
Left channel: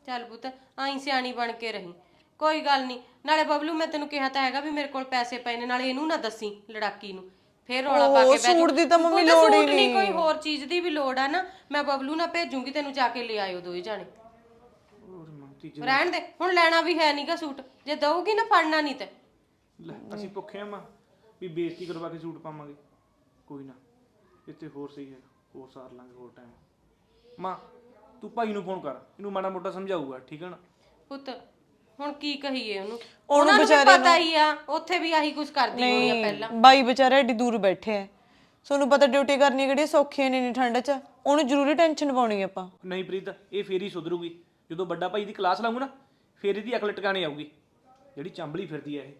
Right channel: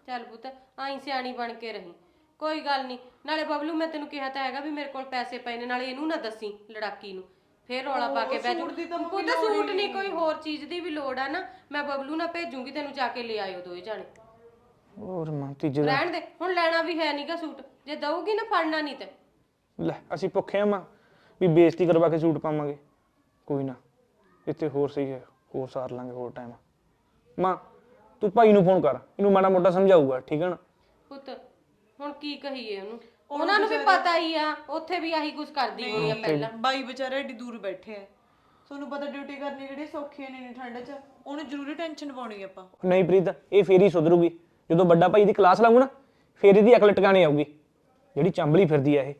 ਚੱਲ ਪੁੱਤ ਆਈ ਸਿਆਣੀ ਬਣ ਕੇ ਰਹੀਂ। ਕੋਈ ਗੱਲ ਨਹੀਂ ਨਾਲੇ ਬਬਲੂ ਮੈਂ ਤੈਨੂੰ ਕਿਹਾ ਤਾਂ ਹੈਗਾ ਵੀ ਮੇਰੇ ਕੋਲ ਪੈਸੇ ਪਏ ਨੇ ਨਾਲੇ ਇਹਨੂੰ ਨਾ ਦੱਸੀ ਲੜਾਕੀ ਨੂੰ। ਫੇਰ ਰੌਲਾ ਪਾ ਕੇ ਬਹਿ ਸੂਟ ਦੀ ਤਾਂ ਮੰਮੀ ਲੋੜ ਹੀ ਸੂਟ ਨਹੀਂ। ਕੋਈ ਹੋਰ ਚੀਜ਼ ਦੀ ਵੀ ਲੋੜ ਆ ਨਾ। ਮੈਂ ਬਬਲੂ ਨਾਲ ਭੇਜੂਗੀ ਤੈਨੂੰ ਜਾ ਕੇ ਲੈ ਆਇਓ ਦੋਏ ਜਾਣੇ। ਹੋਰ ਮਾਂ ਤੀਜੇ ਰਹਿਣ ਦੇ। ਹੁਣ ਲੈਣਾ ਵੀ ਹੈ ਨਹੀਂਗਾ ਸੂਟ। ਜੇ ਦਊਗੀ ਨਾ ਫੜਨਾ ਨਹੀਂ ਤੇ। ਲੈ ਅਸੀਂ ਭੁੱਖੇ ਆ ਮਾਂ। ਵੀ ਬੇਇੱਜ਼ਤੀ ਕਰਵਾ ਕੇ ਸੂਟ ਪਾਵਾਂਗੇ। ਕੋਈ ਨਾ। ਇੱਥੇ ਹੋਰ ਸਹੀ ਹੈ। ਹੋਰ ਸਾਰ ਲਾਂਗੇ ਹੋਰ ਟਾਈਮ ਮਾਂ ਤੂੰ ਭਾਈ ਨੂੰ ਫੋਨ ਕਰ। ਇਹਨੂੰ ਮਾੜਾ ਮੋਟਾ ਸਮਝਾਊਗਾ ਠੀਕ ਹੈ ਨਾ? ਪੁੱਤ ਹੁਣ ਕੀ ਕਹੀਏ ਉਹਨੂੰ? ਉਹਨੂੰ ਨੂੰ ਵੀ ਵਿਚਾਰੇ ਪਤਾ ਹੀ ਆ ਉੱਥੇ ਵੀ ਆਹੀ ਕੁਝ ਕਰਦੀ ਹੋਣੀ ਆ ਪਹਿਲਾਂ। ਬਾਈ ਵਿਚਾਰਾ ਏਡੀ ਦੂਰ ਬੈਠੇ ਐ ਤੁਹਾਨੂੰ ਪਤਾ ਡਿਊਟੀ ਕਰਨੀ ਕਿਹੜੀ ਸੌਖੀ ਨਹੀਂ ਠੰਡ 'ਚ। ਉਹਨੂੰ ਜ਼ਰੂਰੀ ਟੈਨਸ਼ਨ ਪਾਉਣੀ ਆਪਾਂ। ਨਹੀਂ ਪ੍ਰੀਤ ਇਹ ਫੇਰ ਹੀ ਸੁਧਰੂਗੀ। ਜਦੋਂ ਵੱਡਾ ਭਾਈ ਦੀ ਕਲਾਸ ਲਾਊ ਨਾ ਫੇਰ ਇਹਦੀ ਅਕਲ ਟਿਕਾਣੇ ਆਊਗੀ। ਜਿਹੜੀ ਚੰਬਲੀ ਫਿਰਦੀ ਆ ਇਹ।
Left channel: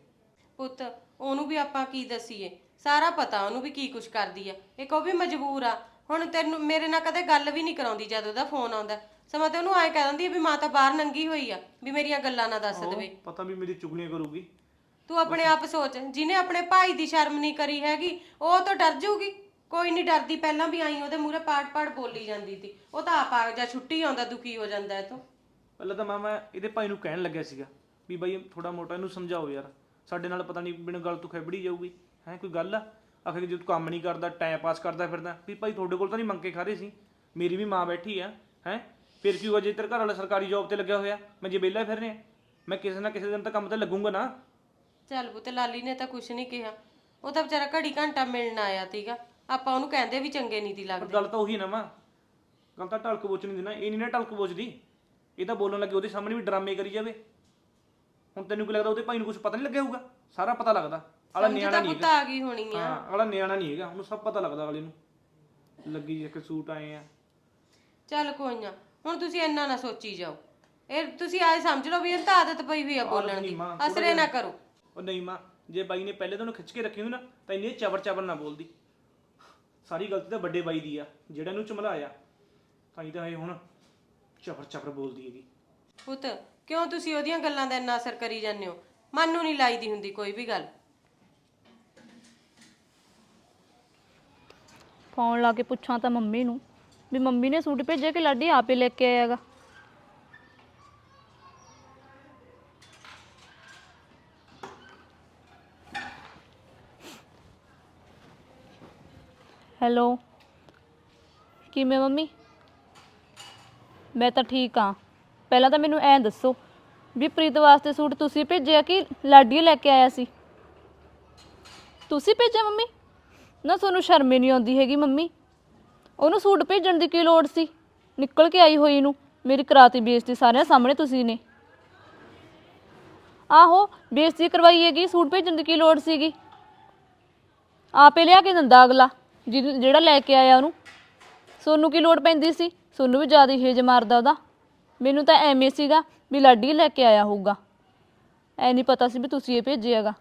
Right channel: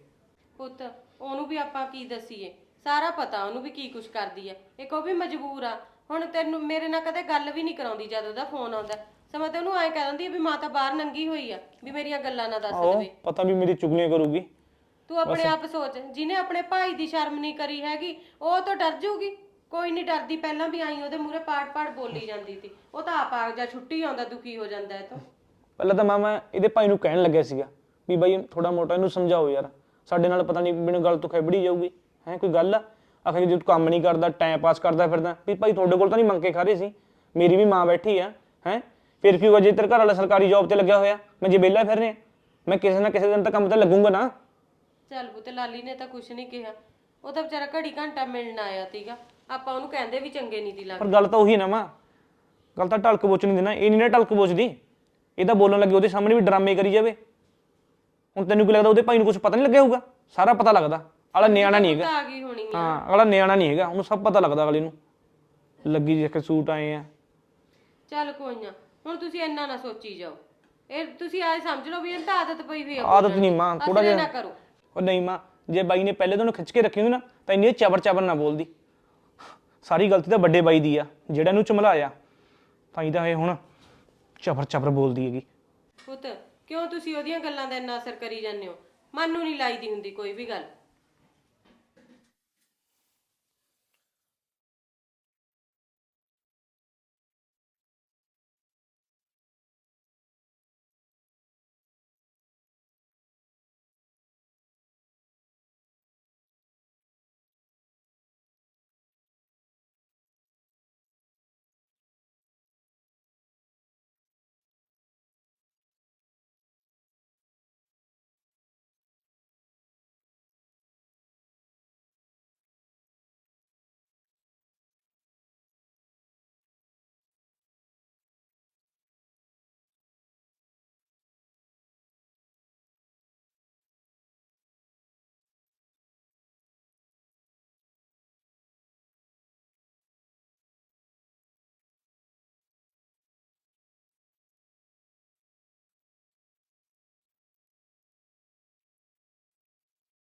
ਪੁੱਤ ਉਹਨੂੰ ਵੀ ਆਪਾਂ ਕੀ ਦਸੀਏ? ਸਾਰਾ ਪਤਾ ਉਹਨੂੰ ਵੀ ਕੀ ਕੁਛ ਕਰਦੀ ਆ। ਇੱਕ ਉਹ ਵੀ ਮਜਬੂਰ ਆ। ਹੁਣ ਤੈਨੂੰ ਮੇਰੇ ਨਾਲ ਕਦੇ ਗੱਲ ਵੀ ਨਹੀਂ ਕਰਾਉਂਦੀ ਜਦ ਉਹਦਾ ਫੋਨ ਆਉਂਦਾ। ਸਮਾਂ ਤੇ ਉਹਨੂੰ ਐਂ ਕਹਿ ਦਿੰਦੀ ਆ ਵੀ ਮਾਂ ਤਾਂ ਬਾਹਰ ਨੰਗੀ ਹੋਈ ਆ ਵੀ ਮੇਰੀਆਂ ਗੱਲਾਂ ਨਾ ਦੱਸ ਆਹੋ ਦੇਵੇ। ਪਤਾ ਵੀ ਮੇਰੀ ਚੁਗਲੀਆਂ ਕਰੂਗੀ। ਤੂੰ ਆਪਣੇ ਆਪ ਸੋਚ ਜਿਹਨੇ ਆਪਣੇ ਭਾਈ ਦੀ ਸ਼ਰਮ ਨਹੀਂ ਕਰੀ ਹੈਗੀ ਉਹ ਤਾਂ ਡਰ ਜਾਊਗੀ ਕੋਈ ਨਹੀਂ ਡਰਦੀ ਪਹਿਲਾਂ ਵੀ ਆਈ ਉਹਦੇ ਮੂਹਰੇ ਪਾੜ-ਪਾੜ ਬੋਲੀ ਜਾਂਦੀ ਸੀ। ਉਹ ਤਾਂ ਆਪ ਆ ਜਾ ਛੁੱਟੀ ਆਉਂਦਾ ਦੁਖੀ ਹੋ ਜਾਂਦਾ ਹੈ ਤੂੰ। ਪਹਿਲਾਂ ਤਾਂ ਮਾਂ ਮੈਂ ਇਹਦੇ ਭਾਈ ਨੂੰ ਕਹਿਣ ਲੱਗਿਆ ਸੀਗਾ ਵੀ ਬਾਈ ਥੋੜਾ ਮੋਟਾ ਇਹਨੂੰ ਸਮਝਾਓ ਯਾਰ। ਸਾਡੇ ਨਾਲ ਪਤਾ ਨਹੀਂ ਮੈਨੂੰ ਗੱਲ ਤੋਂ ਖੈਬੜੀ ਜਾਊਗੀ। ਹੈ ਕੋਈ ਗੱਲ ਆ? ਆਖਰ ਜੇ ਤੂੰ ਕੰਮ ਨਹੀਂ ਕਰਦਾ ਟਾਈਮ ਪਾਸ ਕਰਦਾ ਫਿਰਦਾ ਵੀ ਭਾਈ ਤੁਹਾਡੇ ਕੋਲ ਤਾਂ ਨਹੀਂ ਮੰਗ ਕੇ ਖਾ ਰਹੇ ਸੀ। ਮੇਰੀ ਵੀ ਮਾਂ ਬੈਠੀ ਆ ਹੈ? ਫਿਰ ਕੀ ਜੇ ਤੇਰੇ ਘਰ ਵਾਲਾ ਸਰਕਾਰੀ ਜੌਬ ਤੇ ਲੱਗਿਆ ਹੋਇਆ ਮੈਂ ਜੇ ਵਿਹਲਾ ਫਿਰ ਰਿਹਾ ਮੈਂ ਕਿਸੇ ਨਾ ਕਿਸੇ ਦਿਨ ਤਾਂ ਕੰਮ ਤੇ ਲੱਗੂੰਗਾ ਨਾ। ਚੱਲ ਬੁੱਤੇ ਲਾਲੀ ਨੇ ਤਾਂ ਕੁਛ ਨਹੀਂ ਕਿਹਾ। ਉਹ ਤਾਂ ਵਿਚਾਰਾ ਘੜੀ ਘੰਟਾ ਮਿਲਣ ਆਇਆ ਸੀਗਾ। ਆਪਾਂ ਉਹਨੂੰ ਕਹਿੰਦੇ ਵੀ ਚੰਗੇ ਨਹੀਂ ਦੀ ਪਰ ਲੱਗਦੀ ਗੱਲ ਤਾਂ ਉਹੀ ਨਾ ਮਾਂ। ਗੱਲ ਤਾਂ ਢਲਕ ਬੋਚ ਨਹੀਂ ਦੇਣਾ ਇਹ ਨਹੀਂ ਨਾ ਢਲਕ ਬੋਚਦੀ। ਇਹ ਤਾਂ ਬੋਲਣ ਲੱਗੇ ਉਹਦੇ ਸਾਹਮਣੇ ਵੀ ਡਰਾਮੇ ਕਰੀ ਜਾਵੇ। ਹੁਣ ਤੈਨੂੰ ਕੀ ਲੱਗਦਾ ਉਹਦੇ ਭਾਈ ਨੂੰ ਕੁਝ ਪਤਾ ਨਹੀਂ ਲੱਗਿਆ ਹੋਊਗਾ? ਸਾਰਾ ਪਤਾ ਲੱਗਦਾ। ਅਗਲਾ ਨਿਆਣਾ ਨਹੀਂ ਹੈਗਾ। ਤਾਂ ਆ ਗਈ ਹੋਣੀ ਆ। ਹਾਂ ਅਗਲਾ ਨਿਆਣਾ ਨਹੀਂ ਹੈਗਾ। ਉਹਨੂੰ ਸਭ ਪਤਾ ਲੱਗਦਾ ਅਗਲੇ ਨੂੰ। ਲੱਗੀ ਜੇ ਕਿ ਸੂਟ ਆਏ ਆ। ਚੱਲ ਕੋਈ ਨਾ। ਹੁਣ ਤੁਸੀਂ ਇੰਨਾ ਨਾ ਸੋਚੀ ਜਾਓ। ਇਹ ਤੁਸੀਂ ਆਏ ਸਮਝ ਲਓ ਵੀ ਇਹ ਤਾਂ ਆਦਤ ਪਈ ਵੀ ਆ ਆਦਤ ਨਹੀਂ ਮਾਂ ਥੋੜਾ ਅਸਲੇ ਜਿਹਾ। ਨਾ ਕਰੋ। ਉਹ ਨਹੀਂ ਮਾਂ ਜੇ ਬਾਈ ਨੇ ਪਹਿਲੇ ਦਿਨ ਖਿੱਚ ਕੇ ਰੱਖੀ ਹੋਈ ਨਾ ਤਾਂ ਇੰਨੀ ਚਬਰ ਚਬਰ ਨਾ ਬੋਲਦੀ। ਸਾਰੀ ਗਲਤੀ ਤਾਂ ਵੱਡੇ ਬਾਈ ਦੀ ਆ। ਜਿਹੜਾ ਇਹਨੂੰ ਚਮਲਾਇਆ ਤਾਂ ਹੀ ਤਾਂ ਇਹ ਹੁਣ ਚਬਰ ਚਬਰ ਬੋਲਦੀ ਹੈਗੀ। ਪੁੱਤ ਕਿਉਂ ਤੁਸੀਂ ਉਹਦੀਆਂ ਗੱਲਾਂ ਦਾ ਇੰਨਾ ਅਸਰ ਕਰੀ ਜਾਂਦੇ ਹੋ? ਮਨ ਨੂੰ ਨਹੀਂ ਲਾਈਦੀ ਹੁੰਦੀ ਕੋਈ ਵੀ ਗੱਲ। ਫੋਨ ਲਾ ਕੇ ਪੁੱਛਾਂ ਤਾਂ ਮੰਮੀ ਨੂੰ ਵੀ ਮੰਮੀ ਨੇ ਸੂਟ ਭੇਜਿਆ ਕਿ ਲਾਡੀ ਆਪੇ ਲੈ ਕੇ ਆਇਆ ਆਇਆਗਾ ਹੈਲੋ, ਕਿਵੇਂ ਮੰਮੀ? ਮੈਂ ਤਾਂ ਠੀਕ ਆ ਪਹਿਲਾਂ ਤਾਂ ਮੈਨੂੰ ਐਂ ਦੱਸੋ ਵੀ ਪ੍ਰੀਤ ਵਾਸਤੇ ਸੂਟ ਤੁਸੀਂ ਭੇਜਿਆ ਕਿ ਲਾਡੀ ਲੈ ਕੇ ਆਇਆ ਸੀ? ਤੁਸੀਂ ਭੇਜਿਆ ਮੰਮੀ? ਨਾ ਤੁਹਾਨੂੰ ਸ਼ਰਮ ਹੀ ਨਹੀਂ ਆਉਂਦੀ ਹੈਗੀ ਮੰਮੀ? ਉਹਨੂੰ ਸੂਟ ਭੇਜਣ ਦੀ ਕੀ ਲੋੜ ਸੀ? ਨਿਕਲ ਕੇ ਆਈ ਹੋਈ ਨੂੰ। ਮੇਰੀ ਕਰਾਤੀ ਬੇਇੱਜ਼ਤੀ ਸਾਰਿਆਂ ਸਾਹਮਣੇ ਤੁਸੀਂ ਨੇ। ਆਹੋ, ਬੇਇੱਜ਼ਤੀ ਕਰਵਾਈ ਹੈਗੀ, ਸੂਟ ਭੇਜਣ ਦੀ ਕੀ ਲੋੜ ਸੀਗੀ? ਆਪੇ ਲਿਆ ਕੇ ਦਿੰਦਾ ਅਗਲਾ ਜਿਹਨੂੰ- ਜਿਹੜਾ ਲੈ ਕੇ ਆਇਆ ਉਹਨੂੰ। ਸੋਨੂੰ ਕੀ ਲੋੜ ਪੈਂਦੀ ਸੀ? ਸੋਨੂੰ ਵੀ ਜ਼ਿਆਦਾ ਹੇਜ ਮਾਰਦਾ ਉਹਦਾ। ਮੈਨੂੰ ਤਾਂ ਐਵੇਂ ਸੀਗਾ ਵੀ ਲਾਡੀ ਲੈ ਕੇ ਆਇਆ ਹੋਊਗਾ। ਐ ਨਹੀਂ ਪਤਾ ਸੀ ਵੀ ਤੁਸੀਂ ਇਹ ਭੇਜਿਆਗਾ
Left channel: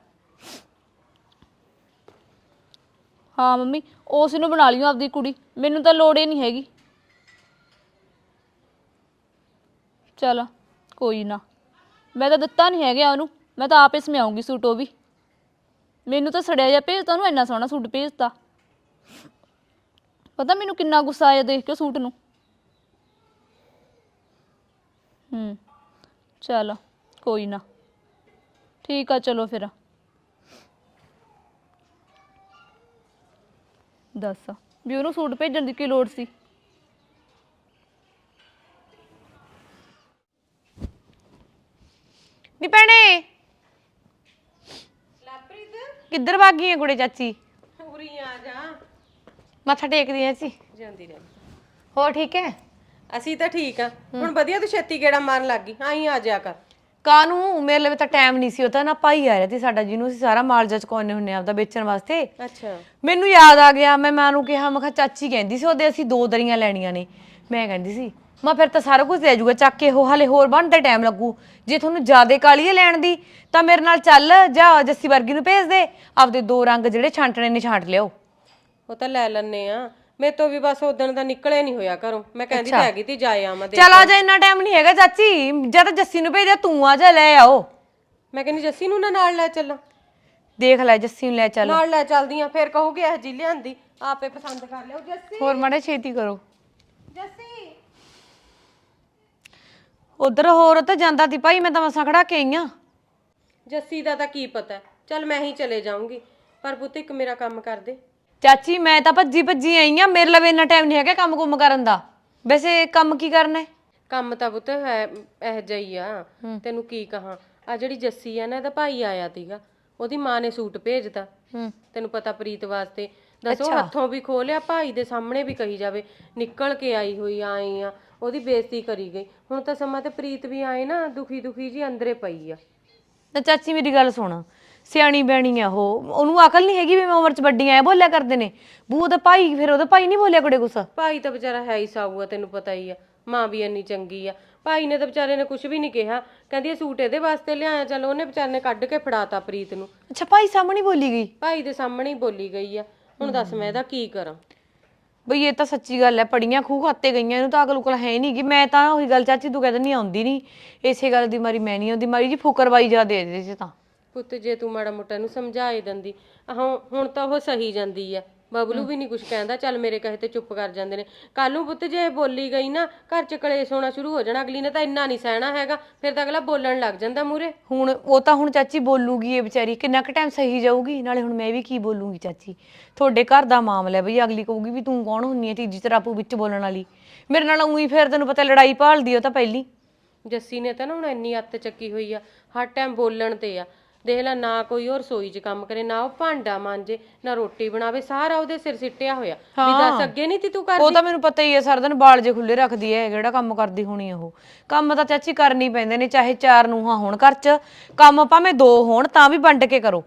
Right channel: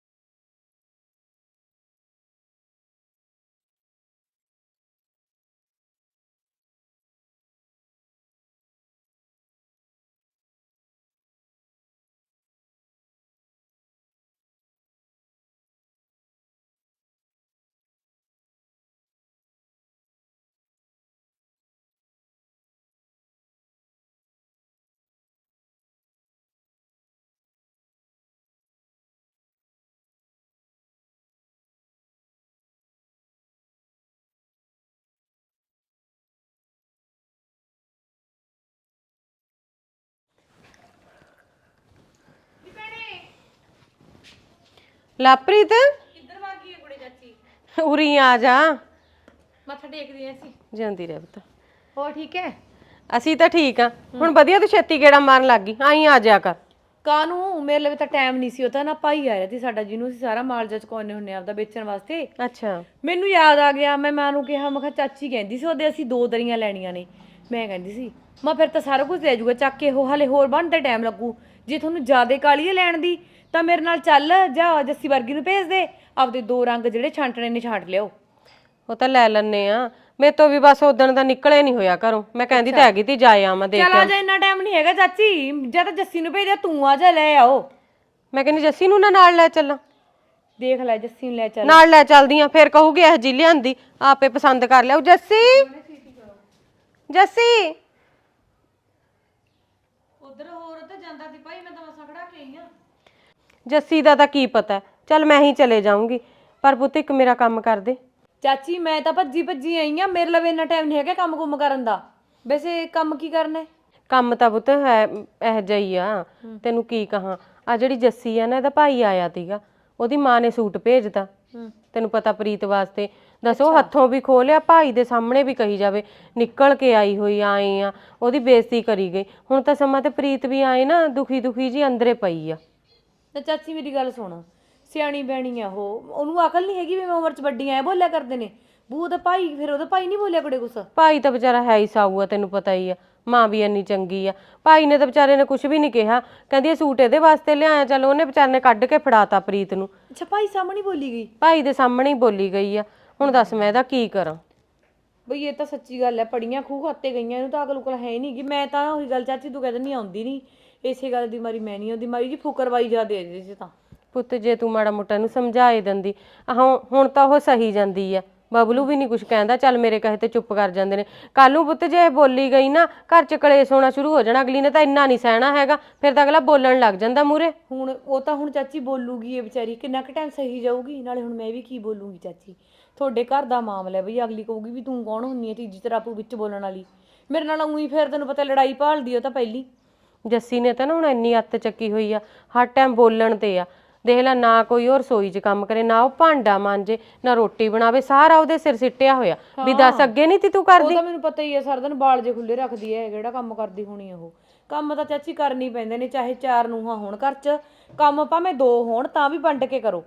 ਹਾਂ ਮੰਮੀ, ਉਸ ਨੂੰ ਬਣਾ ਲਿਓ ਆਪਦੀ ਕੁੜੀ। ਮੈਨੂੰ ਤਾਂ ਲੋੜ ਹੀ ਨਹੀਂ ਹੈਗੀ। ਚਲ, ਕੋਈ ਨਾ। ਮੈਂ ਤਾਂ ਦਿੱਤਾ ਨਹੀਂ ਹੈਗਾ ਉਹਨੂੰ। ਮੈਂ ਤਾਂ ਆਪੇ ਸਮਿਆਉਂਗੀ ਸੂਟ ਉਹ ਵੀ। ਮੈਨੂੰ ਤਾਂ ਸੜਿਆ ਜਿਹਾ ਭੇਜਤਾ, ਉਹਨੂੰ ਇੰਨਾ ਸੋਹਣਾ ਸੂਟ ਭੇਜਤਾ। ਪਤਾ ਮੈਨੂੰ ਕਿੰਨਾ ਗੁੱਸਾ ਆਇਆ ਦੇਖ ਕੇ ਸੂਟ ਨੂੰ। ਹੂੰ, ਚਲ, ਕੋਈ ਨਾ। ਠੀਕ ਆ, ਚਲੋ ਫਿਰ। ਦੱਸ। ਵੀ ਉਹਨੂੰ ਸੂਟ ਭੇਜਣ ਦੀ ਕੀ ਲੋੜ ਸੀ? ਨੀ ਭੈਣੇ। ਲਾਪ੍ਰੀਤ ਕਿੱਧਰ ਗਈ ਹੈ ਕੁੜੇ ਚਾਚੀ? ਉਰੀ ਆ ਜਾ। ਮੱਥਾ ਟੇਕਦੀ ਐ ਸੀ ਜਾਂਦੀ ਰਹਿ ਪੁੱਤ। ਹੋਰ ਠੀਕ ਹੈ? ਅਸੀਂ ਤਾਂ ਠੀਕ ਆ। ਹੁਣ ਵਧੀਆ ਤੂੰ ਛੇਤੀ ਗੇੜਾ ਮਾਰਨ ਲੱਗ ਗਈ। ਆਈ ਆ ਜਾ ਕਰ। ਕਾਨੂੰ? ਮੇਰੇ ਲਈ ਤਾਂ ਟਾਈਮ ਨਹੀਂ ਸੀ ਉਹ ਤਾਂ ਨਾ ਭਾਈ ਆ ਰਿਹਾ ਸੀ ਸਾਡਾ ਜਿਹਨੂੰ ਅਸੀਂ ਸਾਰਾ ਮਾਲ ਜਾ ਚੁਕਾਉਣੇ ਹੁੰਨੇ ਆਪਦਾ ਵੇਚਣ ਵਾਸਤੇ। ਅੱਛਾ। ਮੈਨੂੰ ਯਾਦ ਆ ਗਿਆ ਮੈਂ ਮਾਂ ਨੂੰ ਕਿਹਾ ਮੈਂ ਕਿਹਾ ਚਾਚੀ ਕਹਿੰਦੀ ਸੀ ਉਹਦੇ ਅਸੀਂ ਦੋ ਦਰੀਆਂ ਲੈਣੀਆਂ ਨੇ। ਮੈਂ ਕਹਿੰਦੀ ਸੀ ਮੈਂ ਫਿਰ ਤਾਂ ਸਾਰਾ ਕੁਝ ਲੈ ਜਾਊਗਾ ਚੱਕ ਕੇ ਉਹ ਹਲੇ ਹੋਰ ਬਣਦਾ ਟਾਈਮ ਲੱਗੂ। ਜੇ ਤੁਹਾਨੂੰ ਜ਼ਿਆਦੇ ਕਾਲੀ ਹੈ ਲੈਣ ਦੀ ਤਾਂ ਮੇਰੇ ਨਾਲ ਚੱਲ ਜਾ ਜੱਸੀ ਵਰਗੀ ਨੂੰ ਭੇਜ ਦੇ ਆਪਦੇ ਦੋ ਰੰਗ ਜਿਹੜੇ ਛਾਂਟਣੇ ਨੇ ਛਾਂਟ ਲਿਓ। ਉਹ ਤਾਂ ਲੈ ਲੈਣੇ ਆ। ਮੇਰੇ ਤੋਂ ਵੀ ਬਸ ਉਦਣ ਦਾ ਨਿਕਲੇ ਨਹੀਂ ਹੋਇਆ ਘਰੋਂ। ਮੈਂ ਕਹਿੰਦੀ ਤਾਂ ਹੈਗੀ ਤੀ ਜਾਏ ਆਵਾਂ ਦੇ ਚੱਲ ਆ ਜਾ ਇੰਨਾ ਟਾਈਮ ਨਹੀਂ ਹੈਗਾ ਚਾਚੀ। ਜਾਂ ਤਾਂ ਜੱਸੀ ਨੂੰ ਭੇਜ ਦੇ ਤੂੰ ਆ ਜਾ ਲੈ ਆਓ। ਮੈਂ ਕਹਿੰਦੀ ਜੱਸੀ ਨੂੰ ਨਾ ਨਾਲ ਲੈ ਚੱਲਾਂ। ਦੇਖ ਲੈ ਜੱਸੀ ਨੂੰ ਲੈ ਚੱਲ। ਨਾਲ ਲੈ ਚੱਲਦੀਆਂ ਫਿਰ ਕਹੂਗੀ ਇਹ ਜੀ ਲਿਆਂਦੀ ਆਪੇ ਪਸੰਦ ਕਰ ਲਿਆਓ। ਜੱਸੀ! ਹੋਰ ਮਾੜੇ ਛੇਤੀ ਕਰੋ। ਜੱਸੀ! ਉਧਰ ਹੋਰ ਤਾਂ ਜਾਂਦਾ ਤੀ ਭਾਈ ਮੈਂ ਤਾਂ ਮਸਾਂ ਖੜਾ ਕੇ ਆਈ ਆਂ। ਜੱਸੀ ਦਾ ਤਾਂ ਕੀ ਪਤਾ। ਚੱਲ ਮੈਂ ਹੀ ਚਲੇ ਜਾਊਂਗੀ। ਪਰ ਪੁੱਤ ਇੱਕ ਮੇਰਾ ਕੰਮ ਕਰ ਦੇ। ਚਾਚੀ ਮੈਂ ਤਾਂ ਭੱਜੀ ਭੱਜੀ ਆਈ ਆ ਮੇਰੇ ਲਈ ਇੰਨਾ ਟਾਈਮ ਨਹੀਂ ਹੈਗਾ ਕੰਮ ਕੁੰਮ ਕਰਨ ਦਾ। ਵੈਸੇ ਕੰਮ ਕੀ ਕਰਨਾ ਹੈ? ਕੰਮ ਤਾਂ ਪੁੱਤ ਹੈ ਇਹ ਜਈ ਆ। ਤੈਨੂੰ ਕੀ ਕਹਾਂ? ਆ ਜਿਹੜੀ ਜੱਸੀ ਆ ਨਾ ਇਹਦਾ ਭਾਈ ਆਇਆ ਤੀਗਾ ਉਹਦੀ ਮਾਂ ਨੇ ਸੂਟ ਭੇਜਤਾ। ਤੈਨੂੰ ਪਤਾ ਪ੍ਰੀਤ ਵਾਸਤੇ। ਦੱਸੋ ਹੱਥੋਂ ਵੀ ਖੋਲਿਆ ਭਾਈ ਦੇ ਸਾਹਮਣੇ ਵੀ ਕਹੀ ਜਾਵੇ ਨਿਕਲ ਕੇ ਆਈ ਹੋਈ ਆਏ ਆ। ਉਹਦੀ ਬੇਇੱਜ਼ਤੀ ਕਰੀ ਗਈ। ਹੁਣ ਤਾਂ ਸਮਾਂ ਤੇ ਪ੍ਰੀਤ ਵੀ ਆਏ ਨਾ ਦੁਖੀ ਦੁਖੀ ਜੀ ਅੰਦਰੇ ਪਈ ਆ। ਤਾਂ ਚਾਚੀ ਮੇਰੀ ਗੱਲ ਸੁਣ। ਸਿਆਣੀ ਬੈਣੀ ਆ ਉਹ। ਉਹਨੂੰ ਅਕਲ ਨਹੀਂ ਹੈਗੀ ਵੀ ਮੈਂ ਉਮਰ 'ਚ ਵੱਡੀ ਆ ਬੋਲਿਆ ਕਰਦੇ ਨੇ। ਬੂ ਉਹਦਾ ਭਾਈ ਫਿਰ ਉਹਦਾ ਭਾਈ ਨਹੀਂ ਬੋਲਿਆ ਕੁੜੇ ਗੁੱਸਾ? ਭਾਈ ਤਾਂ ਵਿਚਾਰਾ ਹੈ ਹੀ ਸਾਊ ਆ ਤੈਨੂੰ ਪਤਾ ਹੀ ਆ। ਮਾਂ ਵੀ ਇੰਨੀ ਚੰਗੀ ਆ। ਭਾਈ ਨੇ ਤਾਂ ਵਿਚਾਰੇ ਨੇ ਕੁਝ ਵੀ ਨਹੀਂ ਕਿਹਾ। ਕਹਿੰਦੀ ਇਹ ਸੂਟ ਇਹਦੇ ਵਾਸਤੇ ਲਿਆਇਆ ਚਲ ਉਹਨੇ ਵਿਚਾਰੇ ਨੇ ਕੱਢ ਕੇ ਫੜਾਤਾ ਪ੍ਰੀਤ ਨੂੰ। ਅੱਛਾ ਭਾਈ ਸਾਹਮਣੇ ਬੋਲੀ ਗਈ? ਭਾਈ ਦੇ ਸਾਹਮਣੇ ਹੀ ਬੋਲੀ ਗਈ ਆ। ਹੁਣ ਦੱਸ ਮੈਂ ਇਹਦਾ ਕੀ ਕਰਾਂ? ਬਈ ਇਹ ਤਾਂ ਸੱਚੀ ਗੱਲ ਹੈ ਪੜੀਆਂ ਖੂਹ ਖਾਤੇ ਗਈਆਂ ਇਹਨੂੰ ਤਾਂ ਅਕਲ ਉਕਲ ਹੈ ਨਹੀਂ ਕਿ ਮੈਂ ਤਾਂ ਉਹੀ ਗੱਲ ਚਾਚੀ ਤੂੰ ਕਹਿੰਦਾ ਨਹੀਂ ਆਉਂਦੀ ਨਹੀਂ। ਇਸੇ ਗੱਲ ਦੀ ਮਾਰੀ ਮੈਂ ਨਹੀਂ ਆਉਂਦੀ। ਮਾਰੀ ਜੀ ਫੁਕਰਵਾਈ ਜਾ ਦੇ ਦੇ ਸੀ ਤਾਂ। ਪੁੱਤ ਜੇ ਤੂੰ ਮਾੜਾ ਮੋਟਾ ਇਹਨੂੰ ਸਮਝਾਏ ਦਿੰਦੀ। ਆਹ ਹੁਣ ਤਾਂ ਉਹ ਸਹੀ ਜਾਂਦੀ ਆ। ਬਬਲੂ ਵੀ ਨਹੀਂ ਕੁਝ ਕਹਿੰਦਾ ਚੱਲ ਮੇਰੇ ਕਹੇ ਤੇ ਚੁੱਪ ਕਰ ਜਾਂਦੇ ਨੇ। ਕੱਲ ਨੂੰ ਪੁੱਤ ਜੇ ਇਹ ਬੋਲੀ ਗਈ ਨਾ ਘਰ ਚ ਕਲੇਸ਼ ਹੋਣਾ ਸ਼ੁਰੂ ਹੋ ਜਾਣਾ ਅਗਲੀ ਨੇ ਤਾਂ ਇੰਨਾ ਨਹੀਂ ਸਹਿਣਾ ਹੈਗਾ ਫਿਰ ਤਾਂ ਅਗਲਾ ਬੋਲਣ ਲੱਗ ਜਾਂਦਾ ਮੂਰੇ ਹੁਣ ਉਹ ਤਾਂ ਹੁਣ ਚਾਚੀ ਬੋਲੂਗੀ ਇਹ ਵਿਚਾਰੀ ਕਿੰਨਾ ਕੁ ਟਾਈਮ ਸਹੀ ਜਾਊਗੀ? ਨਾਲੇ ਹੁਣ ਮੈਂ ਵੀ ਕੀ ਬੋਲੂਗੀ ਚਾਚੀ? ਤੁਹਾਡੇ ਘਰ ਦਾ ਮਾਮਲਾ ਹੈ ਬਈ ਅਗਲੀ ਕਹੂਗੀ ਵੀ ਤੂੰ ਕੌਣ ਹੁੰਨੀ ਹੈ ਤੀਜੀ ਤਰਾਪੂ ਵਿੱਚ ਬੋਲਣ ਵਾਲੀ? ਮੇਰੇ ਨਾਲ ਉਹੀ ਫਿਰ ਤੈਨੂੰ ਪਤਾ ਲੜਾਈ ਭਾਲਦੀ ਉਹ ਤਾਂ ਪਹਿਲੀ। ਜੱਸੀ ਨੇ ਤਾਂ ਨਾ ਹੁਣ ਇੰਨੀ ਅੱਤ ਚੱਕੀ ਹੋਈ ਆ ਹਰ ਟਾਈਮ ਬੋਲਣ ਤੇ ਆ। ਦੇਖ ਲੈ ਨਾ ਕੋਈ ਹੋਰ ਰਸੋਈ 'ਚ ਕੰਮ ਕਰੇ ਨਾ ਉਹ ਭਾਂਡਾ ਮਾਂਜੇ ਨਾ ਰੋਟੀ ਬਣਾਵੇ ਸਾਰਾ ਉਹਦੇ ਸਿਰ ਸਿੱਟਿਆ ਹੋਇਆ। ਵੀ ਦੱਸ ਅੱਗੇ ਨਹੀਂ ਤੀ ਤੂੰ ਉਹ ਕਰਦੀ ਤਾਂ ਮੈਨੂੰ ਪਤਾ ਹੀ ਹੈ ਸਾਰਾ ਦਿਨ ਬਾਲ ਜੇ ਖੁੱਲੇ ਰੱਖਦੀ ਹੈ ਜਿਹੜਾ ਕੰਮ ਕਰਦੀ ਹੋਣੀ ਉਹ। ਕੰਮ ਤਾਂ ਚਾਚੀ ਕਰਨੀ ਪੈਂਦੇ ਨੇ ਚਾਹੇ ਚਾਰ ਨੂੰਹਾਂ ਹੋਣ ਘਰ 'ਚ ਕੰਮ ਭਾਵੇਂ ਦੋ ਹੋਣ ਤਾਂ ਵੀ ਵੰਡ ਕੇ ਕਰੋ।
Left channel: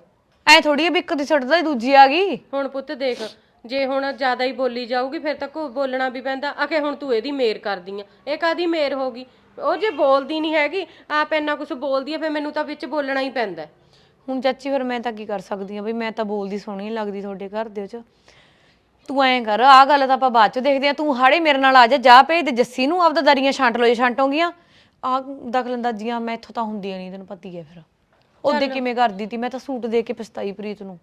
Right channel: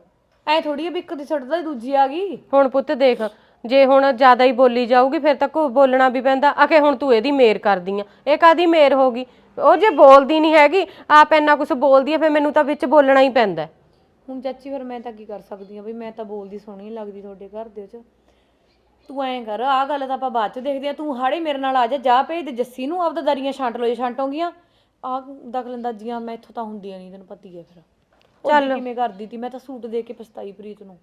ਐ ਥੋੜੀ ਹੈ ਵੀ ਇੱਕ ਦੀ ਛੱਡਦਾ ਹੀ ਦੂਜੀ ਆ ਗਈ। ਹੁਣ ਪੁੱਤ ਦੇਖ ਜੇ ਹੁਣ ਜ਼ਿਆਦਾ ਹੀ ਬੋਲੀ ਜਾਊਗੀ ਫਿਰ ਤਾਂ ਕੋ ਬੋਲਣਾ ਵੀ ਪੈਂਦਾ। ਆਖੇ ਹੁਣ ਤੂੰ ਇਹਦੀ ਮੇਰ ਕਰਦੀ ਆ। ਇਹ ਕਾਦੀ ਮੇਰ ਹੋਗੀ ਉਹ ਜੇ ਬੋਲਦੀ ਨਹੀਂ ਹੈਗੀ ਆਪ ਇੰਨਾ ਕੁਝ ਬੋਲਦੀ ਆ ਫਿਰ ਮੈਨੂੰ ਤਾਂ ਵਿੱਚ ਬੋਲਣਾ ਹੀ ਪੈਂਦਾ। ਹੁਣ ਚਾਚੀ ਫਿਰ ਮੈਂ ਤਾਂ ਕੀ ਕਰ ਸਕਦੀ ਆ ਬਈ ਮੈਂ ਤਾਂ ਬੋਲਦੀ ਸੋਹਣੀ ਨੀ ਲੱਗਦੀ ਤੁਹਾਡੇ ਘਰ ਦੇ ਵਿੱਚ। ਤੂੰ ਐਂ ਕਰ ਆ ਗੱਲ ਤਾਂ ਆਪਾਂ ਬਾਅਦ ਚ ਦੇਖਦੇ ਆ ਤੂੰ ਹਾੜੇ ਮੇਰੇ ਨਾਲ ਆ ਜਾ ਜਾ ਭੇਜ ਦੇ ਜੱਸੀ ਨੂੰ ਆਪਦਾ ਦਰੀਆਂ ਛਾਂਟ ਲੋ ਜੇ ਛਾਂਟੋਗੀਆਂ। ਆ ਦਖਲਅੰਦਾਜ਼ੀਆਂ ਮੈਂ ਇੱਥੋਂ ਤਾਂ ਹੁੰਦੀਆਂ ਨਹੀਂ ਤੈਨੂੰ ਪਤੀ ਹੈ ਫਿਰ। ਉਹਦੇ ਕਿਵੇਂ ਕਰਦੀ ਤੀ ਮੈਂ ਤਾਂ ਸੂਟ ਦੇ ਕੇ ਪਛਤਾਈ ਪ੍ਰੀਤ ਨੂੰ।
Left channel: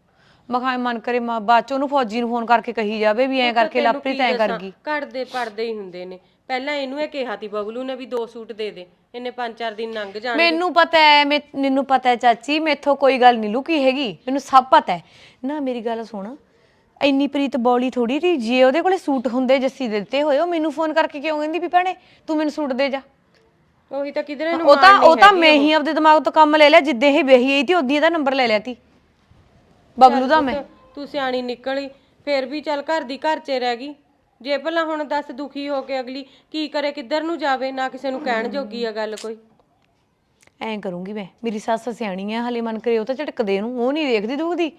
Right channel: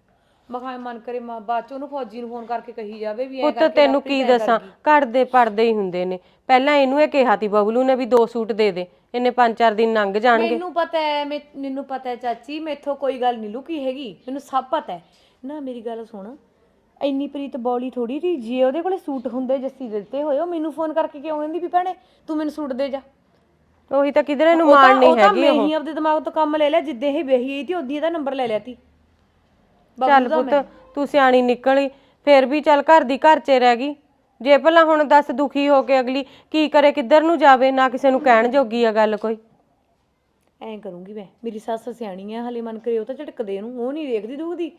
ਮੈਂ ਕਿਹਾ ਐਂ ਮਨ ਕਰੇ ਮਾਂ ਬਾਅਦ ਚ ਉਹਨੂੰ ਫੌਜੀ ਨੂੰ ਫੋਨ ਕਰਕੇ ਕਹੀ ਜਾਵੇ ਵੀ ਐਂ ਪੁੱਤ ਕਰਕੇ ਤੈਨੂੰ ਲਾਪਰੀ ਕੀ ਦੱਸਾਂ? ਗਈ ਘੜਦੇ ਪੜਦੇ ਹੀ ਹੁੰਦੇ ਨੇ। ਪਹਿਲਾਂ ਇਹਨੂੰ ਇਹ ਕਿਹਾ ਤੀ ਬਬਲੂ ਨੇ ਵੀ ਦੋ ਸੂਟ ਦੇ ਦੇ। ਇਹਨੇ ਪੰਜ ਚਾਰ ਦਿਨ ਲੰਘ ਜਾਣਗੇ। ਮੈਨੂੰ ਪਤਾ ਹੈ ਮੈਂ ਮੈਨੂੰ ਪਤਾ ਹੈ ਚਾਚੀ ਮੈਥੋਂ ਕੋਈ ਗੱਲ ਨਹੀਂ ਲੁਕੀ ਹੈਗੀ। ਮੈਨੂੰ ਸਭ ਪਤਾ ਹੈ। ਨਾ ਮੇਰੀ ਗੱਲ ਸੁਣ। ਇੰਨੀ ਪ੍ਰੀਤ ਬੌਲੀ ਥੋੜੀ ਰਹੀ ਜੇ ਉਹਦੇ ਕੋਲੇ ਸੂਟ ਹੁੰਦੇ ਜੱਸੀ ਦੇ ਦਿੱਤੇ ਹੋਏ ਉਹ ਮੈਨੂੰ ਫੋਨ ਕਰਕੇ ਕਿਉਂ ਕਹਿੰਦੀ ਵੀ ਭੈਣੇ ਤੂੰ ਮੈਨੂੰ ਸੂਟ ਦੇ ਜਾ। ਉਹੀ ਤਾਂ ਕਿਧਰੇ ਨੂੰ ਉਹ ਤਾਂ ਉਹ ਤਾਂ ਮੈਂ ਹੀ ਆਪਦੇ ਦਿਮਾਗ ਤੋਂ ਕੰਮ ਲੈ ਲਿਆ ਜਿੱਦੇ ਇਹ ਵਿਆਹੀ ਆਈ ਤੀ ਉਦੋਂ ਇਹਦਾ ਨੰਬਰ ਲੈ ਲਿਆ ਤੀ। ਬਬਲੂ ਦਾ ਮੈਂ। ਤੂੰ ਸਿਆਣੀ ਨਿਕਲੀ ਫਿਰ ਵੀ ਚੱਲ ਘਰ ਦੀ ਘਰ 'ਚ ਰਹਿ ਗਈ। ਜੇ ਭਲਾ ਹੁਣ ਦੱਸ ਦੁਖੀ ਹੋ ਕੇ ਅਗਲੀ ਕੀ ਕਰੇ ਕਿੱਧਰ ਨੂੰ ਜਾਵੇ ਨਾ ਕਿਸੇ ਨੂੰ ਕਹਿਣ ਜੋਗੀ ਆ ਗੱਲ ਕੋਈ। ਐਂ ਕਰੂੰਗੀ ਮੈਂ ਮੇਰੀ ਸੱਸ ਸਿਆਣੀ ਆ ਹਲੇ ਮਨ ਕਰੇ ਉਹ ਤਾਂ ਝਟਕਦੇ ਨੂੰ ਉਹ ਨਹੀਂ ਵੇਖਦੀ ਦੁਖਦੀ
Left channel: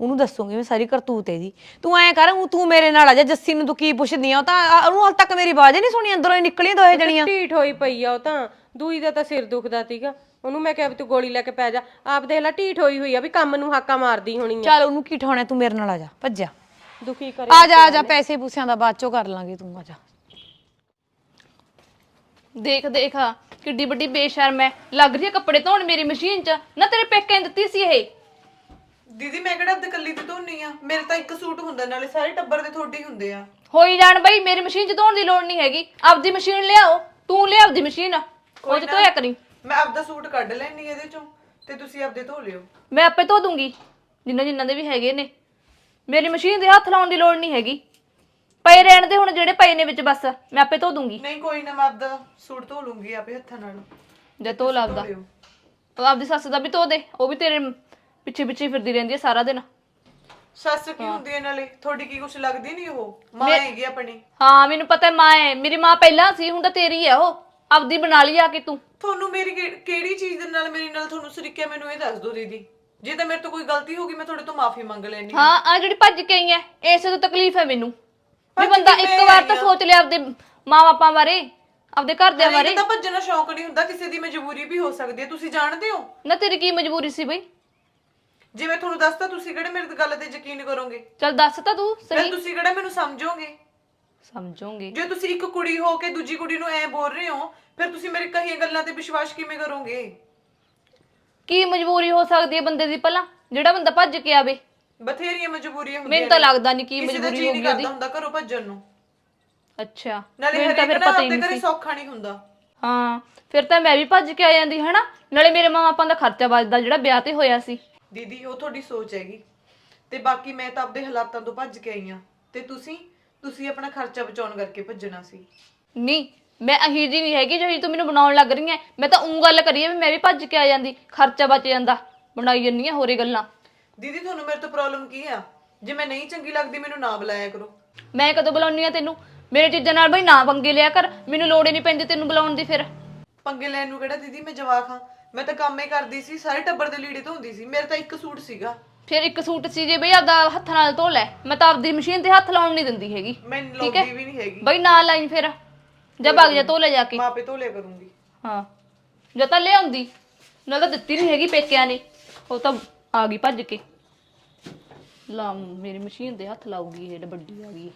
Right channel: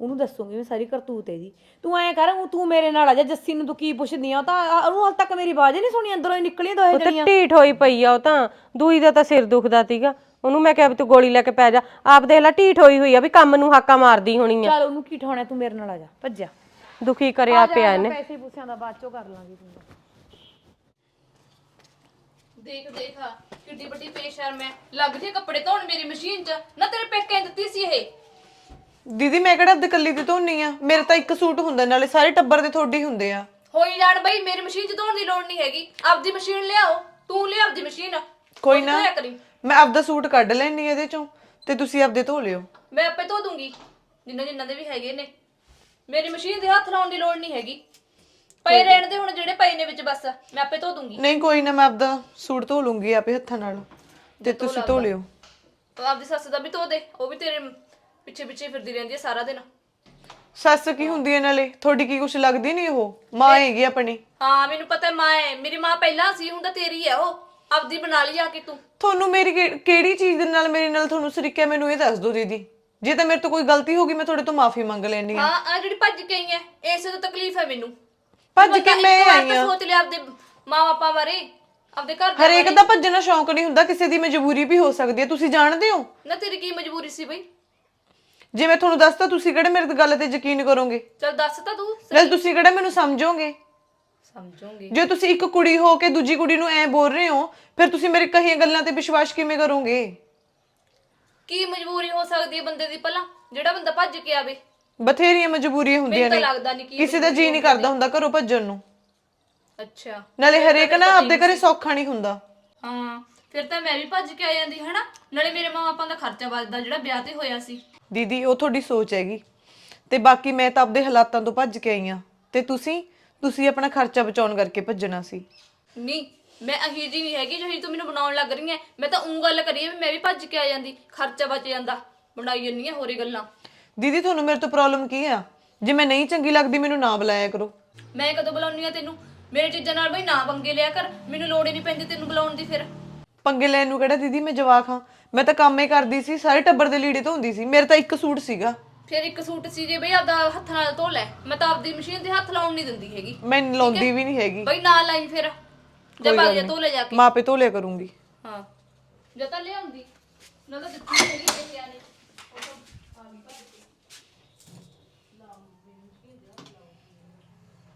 ਉਹਨੂੰ ਦੱਸੂਗੀ ਮੈਂ ਸਾਰੀ ਕਰਤੂਤ ਇਹਦੀ। ਤੂੰ ਐਂ ਕਰ ਊਂ ਤੂੰ ਮੇਰੇ ਨਾਲ ਆ ਜਾ ਜੱਸੀ ਨੂੰ ਤੂੰ ਕੀ ਪੁੱਛਦੀ ਆ ਉਹ ਤਾਂ ਆ- ਉਹਨੂੰ ਹਾਲ ਤੱਕ ਮੇਰੀ ਆਵਾਜ਼ ਹੀ ਨਹੀਂ ਸੁਣੀ ਅੰਦਰੋਂ ਹੀ ਨਿਕਲੀ ਦੋਏ ਜਣੀਆਂ। ਢੀਠ ਹੋਈ ਪਈ ਆ ਉਹ ਤਾਂ ਦੂਈ ਦਾ ਤਾਂ ਸਿਰ ਦੁਖਦਾ ਸੀਗਾ। ਉਹਨੂੰ ਮੈਂ ਕਿਹਾ ਵੀ ਤੂੰ ਗੋਲੀ ਲੈ ਕੇ ਪੈ ਜਾ। ਆਪ ਦੇਖ ਲੈ ਢੀਠ ਹੋਈ ਹੋਈ ਆ ਵੀ ਕੰਮ ਨੂੰ ਹਾਕਾ ਮਾਰਦੀ ਹੋਣੀ ਆ। ਚੱਲ ਉਹਨੂੰ ਕੀ ਠਾਉਣਾ ਤੂੰ ਮੇਰੇ ਨਾਲ ਆ ਜਾ ਭੱਜਿਆ ਦੁਖੀ ਕਰਿਆ ਆ ਜਾ ਆ ਜਾ ਪੈਸੇ ਪੂਸਿਆਂ ਦਾ ਬਾਅਦ ਚੋਂ ਕਰ ਲਾਂਗੇ ਤੂੰ ਆ ਜਾ। ਦੇਖ ਦੇਖ ਕਿੱਡੀ ਵੱਡੀ ਬੇਸ਼ਰਮ ਹੈ ਲੱਗ ਰਹੀ ਹੈ ਕੱਪੜੇ ਧੋਣ ਮੇਰੀ ਮਸ਼ੀਨ 'ਚ। ਨਾ ਤੇਰੇ ਪੇਕੇ ਨੇ ਦਿੱਤੀ ਸੀ ਇਹ। ਦੀਦੀ ਮੈਂ ਕਿਹੜਾ ਕੱਲੀ ਦੀ ਧੋਣੀ ਆ? ਮੇਰੇ ਤਾਂ ਇੱਕ ਸੂਟ ਹੁੰਦਾ ਨਾਲੇ ਸਾਰੇ ਟੱਬਰ ਦੇ ਤੁਹਾਡੇ ਹੀ ਹੁੰਦੇ ਆ। ਹੋਈ ਜਾਣ ਬਈ ਮੇਰੀ ਮਸ਼ੀਨ 'ਚ ਧੋਣ ਦੀ ਲੋੜ ਨਹੀਂ ਹੈਗੀ। ਆਪਦੀ ਮਸ਼ੀਨ ਲਿਆਓ ਤੂੰ ਲਿਆ ਆਪਦੀ ਮਸ਼ੀਨ। ਕੋਈ ਨਾ ਧੋਇਆ ਕਰੀ। ਮੈਂ ਆਪਦਾ ਸੂਟ ਕੱਢ ਲੈਣੀ ਇਹਦੇ ਚੋਂ ਤੇ ਤੁਸੀਂ ਆਪਦੇ ਧੋ ਲਿਓ। ਮੈਂ ਆਪੇ ਧੋ ਦੂੰਗੀ। ਜਿੰਨਾ ਜਿੰਨਾ ਦੇ ਵੀ ਹੈਗੇ ਨੇ। ਮੇਰੀ ਮਸ਼ੀਨ ਦੇ ਹੱਥ ਲਾਉਣ ਦੀ ਲੋੜ ਨਹੀਂ ਹੈਗੀ। ਪਏ ਰਹਿਣ ਦੇ ਹੁਣ ਜਿਹੜੇ ਪਏ ਨੇ ਵਿੱਚ ਬਸ ਮੈਂ ਆਪੇ ਧੋ ਦੂੰਗੀ। ਨਹੀਂ ਕੋਈ ਨਾ ਮੈਂ ਆਪਦਾ ਸੂਟ ਧੋ ਲੂੰਗੀ ਆਪੇ ਹੱਥਾਂ ਨਾਲ। ਜੇ ਧੋ ਤੁਸੀਂ ਧੋ ਲੱਗਦਾ। ਲਿਓ। ਉਹ ਆਪਦੀ ਸੱਸ ਦਾ ਵੀ ਧੋ ਦੇ ਉਹ ਵੀ ਤੇਰੇ ਪਿੱਛੇ ਪਿੱਛੇ ਫਿਰਦੀ ਰਹਿੰਦੀ ਹੈ ਸਾਰਾ ਦਿਨ। ਸੱਸ ਕੀ ਹੁੰਦੀ ਹੈ ਨਾਲੇ? ਤੁਹਾਡੀ ਕੀ ਕੁਛ ਲੱਗਦੀ ਨਹੀਂ ਉਹ? ਮਾਂ ਹੈਗੀ ਆਪਣੀ। ਹਾਂ ਮੈਨੂੰ ਪਤਾ ਹੈ ਮਾਂ ਹੈ। ਮੇਰੀ ਮਾਂ ਪਹਿਲਾਂ ਸੀ ਹੁਣ ਤਾਂ ਤੇਰੀ ਹੈ ਉਹ। ਆਪਦੀ ਬਣਾ ਲਈ ਆ ਕੇ ਤੂੰ। ਤੁਹਾਨੂੰ ਮੇਰੀ ਕਿ- ਕਿਹੜੀ ਚੀਜ਼ ਦੇ ਨਾਲ ਮੇਰੇ ਨਾਲ ਤੁਹਾਨੂੰ ਸਰੀਕਿਆ ਮੈਨੂੰ ਇਹ ਦੱਸ ਦਿਓ ਦੀਦੀ। ਜੇ ਤਾਂ ਮੇਰੇ ਤੋਂ ਕੋਈ ਗਲਤੀ ਹੋ ਗਈ ਮੈਂ ਤੁਹਾਡੇ ਤੋਂ ਮਾਫੀ ਮੰਗ ਲੈਣੀ ਹਾਂ। ਆ ਜਿਹੜੀ ਭੱਜ ਕੇ ਆਈ ਹੈ ਇਸੇ ਤੋਂ ਤਕਲੀਫ ਹੈ ਮੈਨੂੰ। ਭੱਜ ਬੰਦਾ ਕੇ ਇੱਕ ਵਾਰ ਤਾਂ। ਸੋਚ ਲਿਆ ਆਪਦੇ ਮਾਂ-ਬਾਪਾਂ ਬਾਰੇ ਆਪਦੇ ਘਰ ਦੇ ਹਰੇਕ ਦਾ ਭੱਜਣਾ ਸ਼ੌਂਕ ਨਹੀਂ ਹੁੰਦਾ ਕਿਸੇ ਦੀ ਮਜਬੂਰੀ ਵੀ ਹੋ ਸਕਦੀ ਹੈ ਤੁਸੀਂ ਜਾਣਦੇ ਹੋ? ਨਾ ਤੇਰੀ ਕੀ ਮਜਬੂਰੀ ਸੀ ਬਈ? ਜੇ ਮੈਂ ਤੁਹਾਨੂੰ ਦੱਸਤਾ ਤੁਸੀਂ ਕਿਹੜੇ ਮੇਰੇ ਗੱਲ ਤੇ ਯਕੀਨ ਕਰੋਗੇ? ਚਲ ਦੱਸ ਤਾਂ ਤੂੰ ਨਾਲ ਤੁਸੀਂ ਕਿਹੜਾ ਮੈਨੂੰ ਸਮਝੋਗੇ? ਸਮਝੂਗੀ। ਜੇ ਤੁਸੀਂ ਇੱਕ ਕੁੜੀ ਹੋ ਕੇ ਦੂਜੀ ਕੁੜੀ ਨੂੰ ਐ ਬੋਲ ਰਹੇ ਹੋ ਫਿਰ ਤੁਸੀਂ ਮੇਰੇ ਕਹੀਆਂ ਗੱਲਾਂ ਤੇ ਵਿਸ਼ਵਾਸ ਕਿਵੇਂ ਕਰੋਗੇ? ਕੀ ਮਜਬੂਰੀ ਹੋ ਸਕਦੀ ਹੈ ਬੰਦੇ ਦੀ ਭਲਾ ਜਿਹੜਾ ਬੰਦਾ ਭੱਜ ਕੇ ਆਵੇ। ਬਥੇਰੀਆਂ ਮਜਬੂਰੀਆਂ ਹੁੰਦੀਆਂ ਮੈਨੂੰ ਤਾਂ ਲੱਗਦਾ ਨਹੀਂ ਕੀ ਕਿਸੇ ਦਾ ਜੀ ਨਹੀਂ ਕਰਦਾ ਹੁੰਦਾ ਘਰੋਂ ਭੱਜਣ ਨੂੰ। ਅੱਛਾ। ਨਾਲੇ ਮੈਨੂੰ ਤਾਂ ਹਰੇਕ ਫਿਰ ਨਾ ਪਤਾ ਹੀ ਆਪਦੇ ਨਹੀਂ ਘਰੇ ਸੌਖਾ ਨਹੀਂ ਹੁੰਦਾ। ਹਾਂ ਫਿਰ ਤਾਂ ਮੈਂ ਵੀ ਭੱਜ ਕੇ ਆ ਜਾਂਦੀ ਹਨਾ? ਨਾਲੇ ਮੇਰੇ ਮਾਂ-ਬਾਪਾਂ ਦਾ ਖਰਚਾ ਬਚਦਾ ਜਿਹੜਾ ਵਿਆਹ ਤੇ ਹੋਇਆ ਸੀ। ਦੀਦੀ ਉਹ ਤੁਹਾਡੀ ਸੋਚ ਹੈਗੀ। ਤੇ ਬਾਕੀ ਮੈਂ ਤਾਂ ਆਪਦੇ ਹਾਲਾਤਾਂ ਤੋਂ ਭੱਜ ਕੇ ਆਈ ਆ ਤੇ ਤੁਸੀਂ? ਤੁਸੀਂ ਆਪਣਾ ਖਰਚਾ ਬਚਾਉਣ ਕਰਕੇ ਭੱਜਣਾ ਸੀ। ਨਹੀਂ ਮੈਂ ਅਹੀ ਜੀ ਨਹੀਂ ਹੈਗੀ ਜਿਹੜੀ ਤੂੰ ਮੈਨੂੰ ਬਣਾਉਣ ਲੱਗ ਰਹੀ ਹੈ ਮੈਂ ਤਾਂ ਉਂ ਗੱਲ ਕਰੀ ਹੈ ਵੀ ਮੈਂ ਵੀ ਭੱਜ ਕੇ ਆ ਜਾਂਦੀ ਖਰਚਾ ਬਚ ਜਾਂਦਾ। ਬਣਾਈ ਜੰਨੀ ਹੋਰੇ ਗੱਲਾਂ। ਦੀਦੀ ਤੁਹਾਨੂੰ ਮੇਰੇ ਤੋਂ ਪ੍ਰੋਬਲਮ ਕੀ ਆ? ਜੇ ਮੈਂ ਨਹੀਂ ਚੰਗੀ ਲੱਗਦੀ ਮੈਨੂੰ ਨਾ ਬੁਲਾਇਆ ਕਰੋ। ਮੈਂ ਕਦੋਂ ਬੁਲਾਉਣੀ ਆ ਤੈਨੂੰ? ਮੇਰੇ ਚੀਜ਼ਾਂ ਨਾਲ ਬਈ ਨਾ ਪੰਗੇ ਲਿਆ ਕਰ। ਮੈਨੂੰ ਲੋੜ ਹੀ ਨਹੀਂ ਪੈਂਦੀ ਤੈਨੂੰ ਬੁਲਾਉਣ ਦੀ ਫਿਰ। ਪੰਗੇ ਲੈਣ ਨੂੰ ਕਿਹੜਾ ਦੀਦੀ? ਮੈਂ ਜਵਾਕ ਹਾਂ। ਮੈਂ ਤਾਂ ਕੰਮ ਹੀ ਕਰਦੀ ਸੀ ਸਾਰੇ ਟੱਬਰ ਦੇ ਲੀੜੇ ਧੋਂਦੀ ਸੀ। ਮੇਰੇ ਤਾਂ ਇੱਕ ਸੂਟ ਸੀਗਾ। ਫਿਰ ਇੱਕ ਸੂਟ ਸੀ ਜੇ ਬਈ ਆਪਦਾ ਹੱਥ ਨਾਲ ਧੋ ਲੈ। ਮੈਂ ਤਾਂ ਆਪਦੀ ਮਸ਼ੀਨ ਤੇ ਹੱਥ ਲਾਉਣ ਨਹੀਂ ਦਿੰਦੀ ਹੈਗੀ। ਮੈਂ ਲਾਉਂਦੀ ਵੀ ਨਹੀਂ ਹੈਗੀ। ਬਈ ਨਾ ਲਾਈਨ ਫਿਰ। ਜਾ ਭੱਗ ਜਾ ਧੋ ਲੈ ਜਾ ਕੇ। ਮਾਪੇ ਧੋ ਲਿਆ ਕਰੂੰਗੀ। ਹਾਂ। ਜਾਂ ਤਾਂ ਲਿਆਉਂਦੀ। ਨਾ ਤਾਂ ਦਿੱਤੀ ਨਹੀਂ ਹੈਗੀ ਪੇਕਿਆਂ ਨੇ। ਉਹ ਤਾਂ ਆ ਗਈ ਭੱਜ ਕੇ। ਲਾ ਮੇਰੀ ਮਸ਼ੀਨ ਦੇ ਹੱਥ ਲਾਊਗੀ ਇਹ ਵੱਡੀ ਆ ਗਈ।